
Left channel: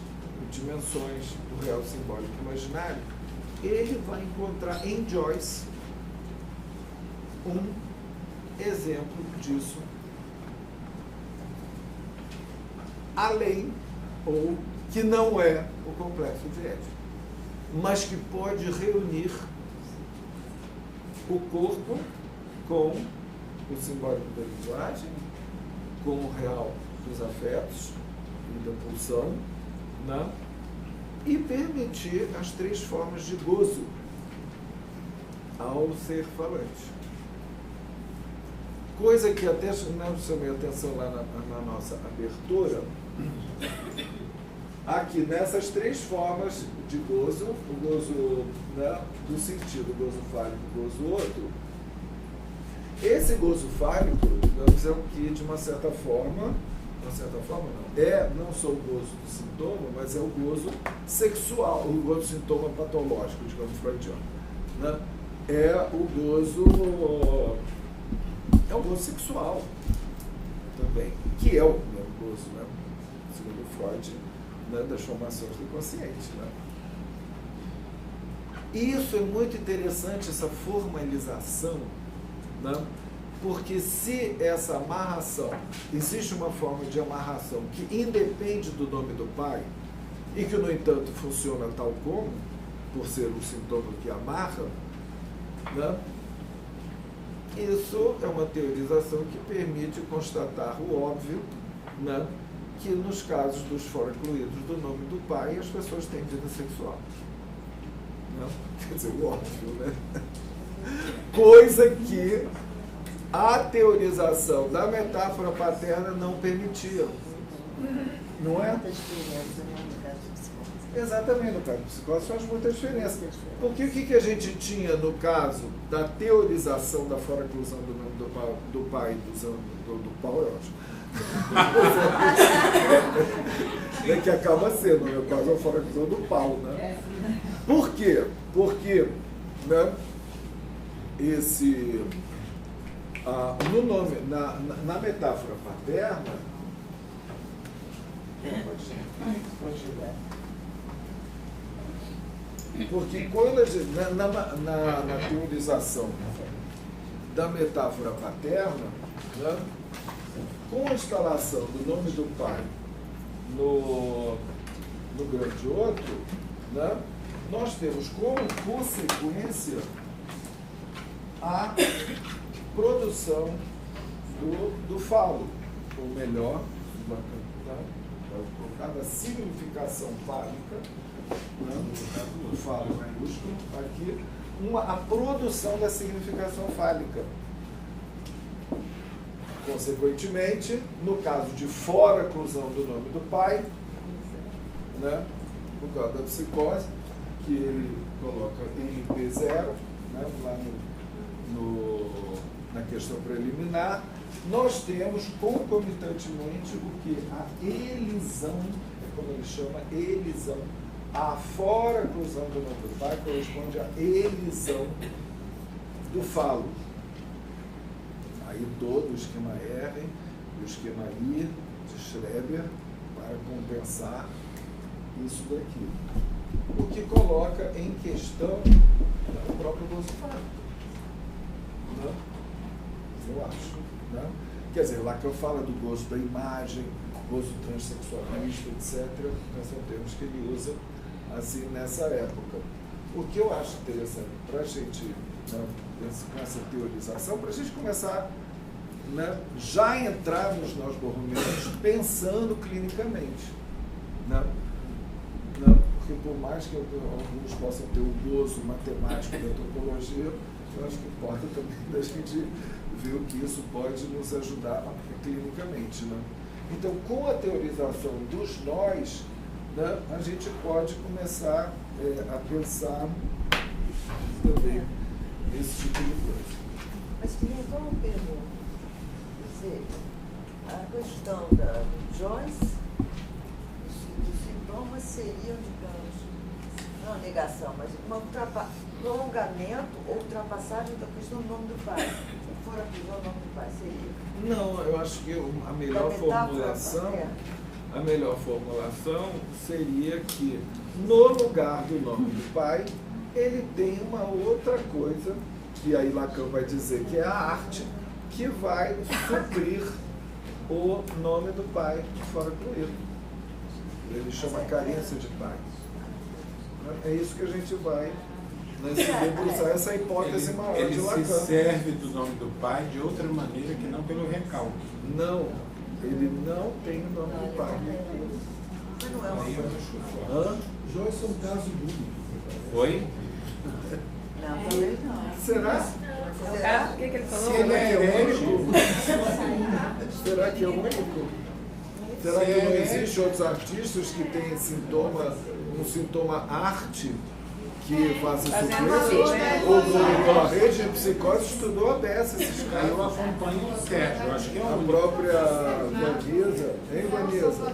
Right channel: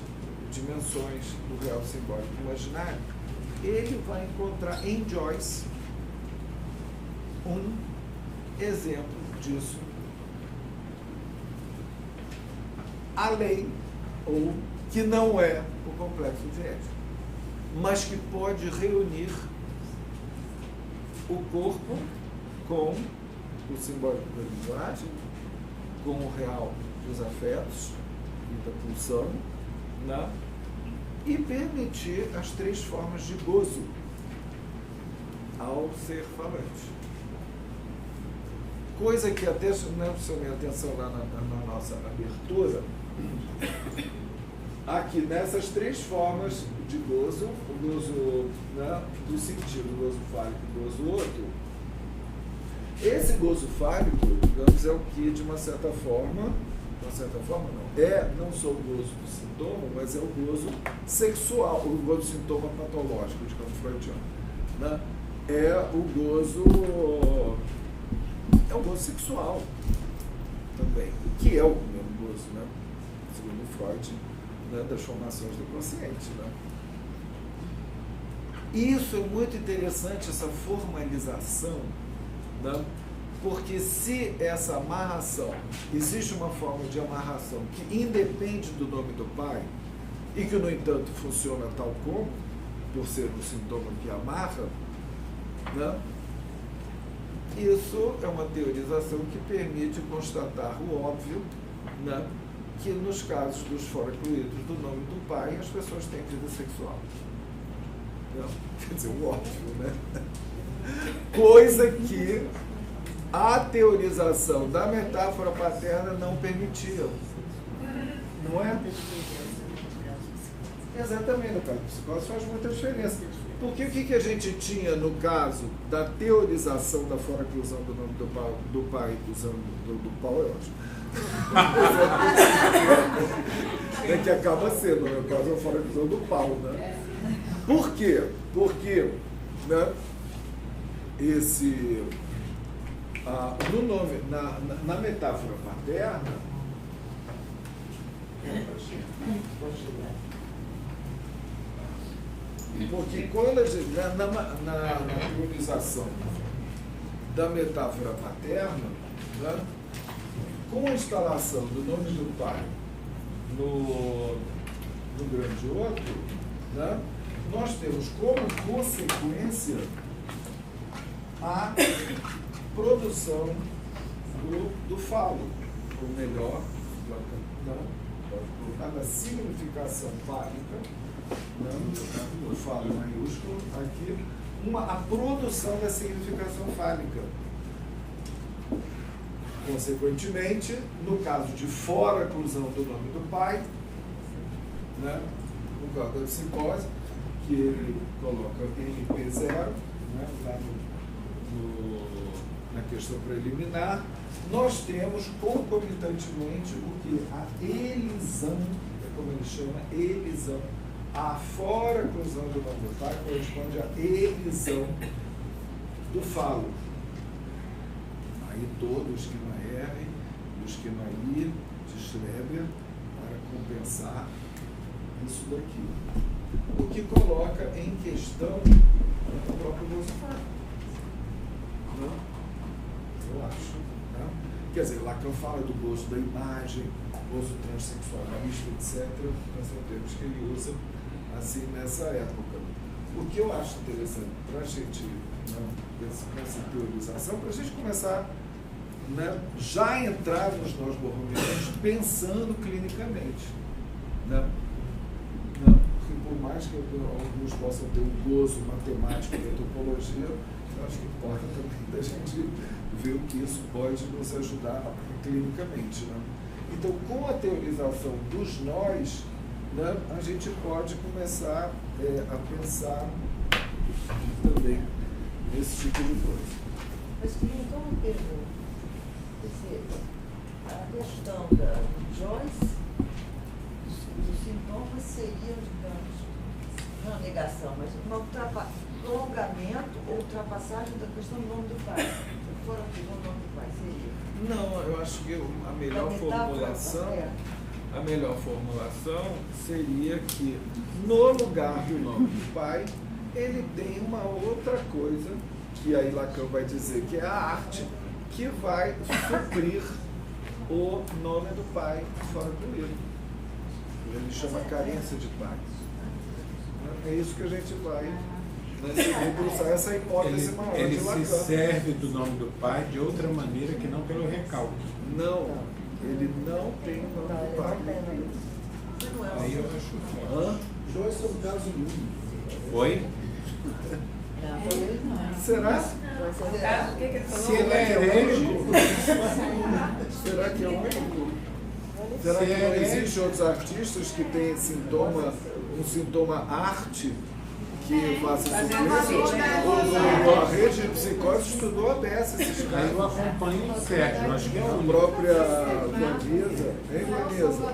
dimensões do real, simbólico e imaginário, ele vai encontrar em Joyce um exemplo disso, além, ou que não é o complexo de Édipo, mas que pode reunir o corpo com o simbólico da linguagem, com o real dos afetos e da pulsão, né? E permitir as 3 formas de gozo ao ser falante. Coisa que até chamei a atenção lá na nossa abertura, aqui nessas 3 formas de gozo, o gozo, né, do sentido, o gozo fálico, o gozo outro. Esse gozo fálico, digamos, é o que, de uma certa forma não, não só o gozo do sintoma, mas é o gozo sexual, o gozo do sintoma patológico, digamos, freudiano, né? É o gozo sexual também, que é o mesmo gozo, né? Segundo Freud, né, das formações do consciente, né? Isso é muito interessante, essa formalização, né? Porque se essa amarração, existe uma forma de amarração que independe do nome do pai e que, no entanto, funciona tal como, por ser um sintoma que amarra, né? Isso é uma teorização que permite constatar o óbvio, né? Que nos casos dos fora incluídos do nome do pai, as pessoas têm vida sexual. Né? Quer dizer, o óbvio, né? Coisa que a teorização da metáfora paterna não permitia. Não é? Muita diferença, né, no caso de psicose. Exatamente, no caso de psicose faz muita diferença. Porque o que a gente tinha no caso da teorização da fora-inclusão do nome do pai do Paulo é ótimo. Que acaba sendo, né, quase uma fora-inclusão do pau, né? Por quê? Porque, né, no nome, na metáfora paterna, porque quando a gente, na teorização da metáfora paterna, né, com a instalação do nome do pai no grande outro, né, nós temos como consequência a produção do falo, ou melhor, pode colocar da significação fálica, né, o falo maiúsculo, aqui, a produção da significação fálica. Consequentemente, no caso de fora-inclusão do nome do pai, né, no caso da psicose, que ele coloca NP0, né, lá na questão preliminar, nós temos concomitantemente o que? A elisão, é como ele chama, elisão. A fora-inclusão do nome do pai corresponde à elisão do falo. Aí todo o esquema R e o esquema I de Schreber para compensar isso daqui. O que coloca em questão o próprio gozo fálico. Né? Eu acho. Né? Quer dizer, Lacan fala do gozo da imagem, gozo transexualista, etc. Então são termos que ele usa assim nessa época. O que eu acho interessante para a gente, né, com essa teorização, para a gente começar, né, já entrar nos nós borromeanos pensando clinicamente. Né? Não, porque por mais que alguns possam ter o gozo matemático da topologia, eu acho que importa também da gente ver o que isso pode nos ajudar clinicamente. Né? Então, com a teorização dos nós, né, a gente pode começar a pensar também nesse tipo de coisa. Mas queria só uma pergunta. Quer dizer, a questão da Joyce, dos sintomas seriam, digamos, não a negação, mas um prolongamento ou ultrapassagem da questão do nome do pai. Se for a questão do nome do pai, seria? Não, eu acho que a melhor formulação a melhor formulação seria que, no lugar do nome do pai, ele tem uma outra coisa, que aí Lacan vai dizer que é a arte, que vai suprir o nome do pai fora incluído. Ele chama carência de pai. É isso que a gente vai, né, se debruçar, essa hipótese maior de Lacan. Ele se serve do nome do pai de outra maneira que não pelo recalque. Não, ele não tem o nome do pai. Joyce é um caso único. Foi? Será? Será que é único? Será que é único? Será que não existe outros artistas que têm um sintoma arte que faça suplência? A rede de psicose estudou a beça esses casos. A própria Vanessa, hein, Vanessa?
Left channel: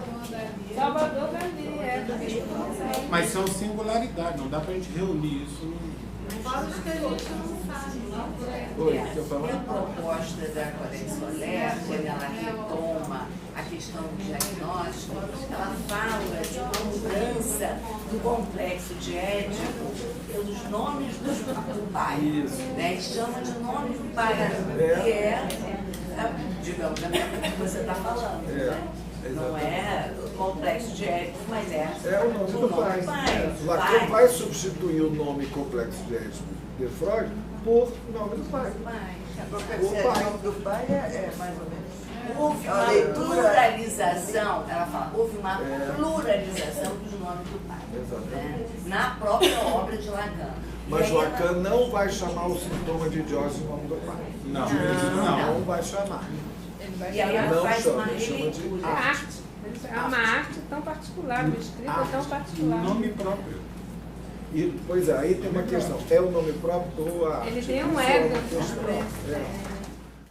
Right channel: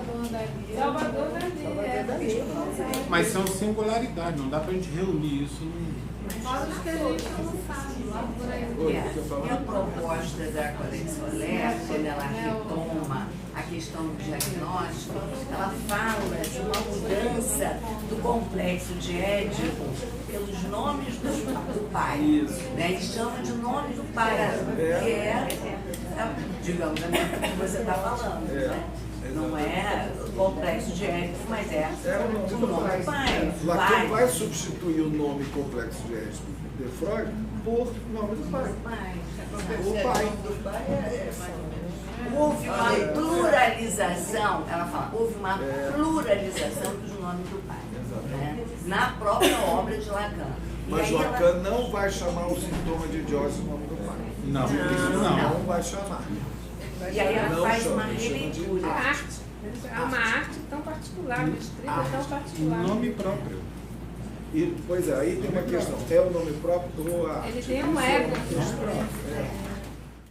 Mas são singularidades, não dá para a gente reunir isso. Oi, o que eu falo? A proposta da Codex Mulher, quando ela retoma a questão do diagnóstico, ela fala de uma mudança do complexo de Édipo pelos nomes do pai. Isso. Né? Ele chama de nome do pai, que é, digamos, a mesma que você está falando. Né? Não é o complexo de Édipo, mas é o nome do pai. Lacan vai substituir o nome complexo de Édipo de Freud por nome do pai. O pai. Do pai é mais ou menos. Houve uma pluralização, ela fala, houve uma pluralização dos nomes do pai. Exatamente. Né? Na própria obra de Lacan. Mas Lacan não vai chamar o sintoma de idiose no nome do pai. Não vai chamar. E aí ela não faz chama, uma ele chama de releitura. arte. É uma arte tão particular, uma escrita tão particular. Nome próprio. Pois é, aí tem uma questão. É o nome próprio ou a arte? Isso é uma questão.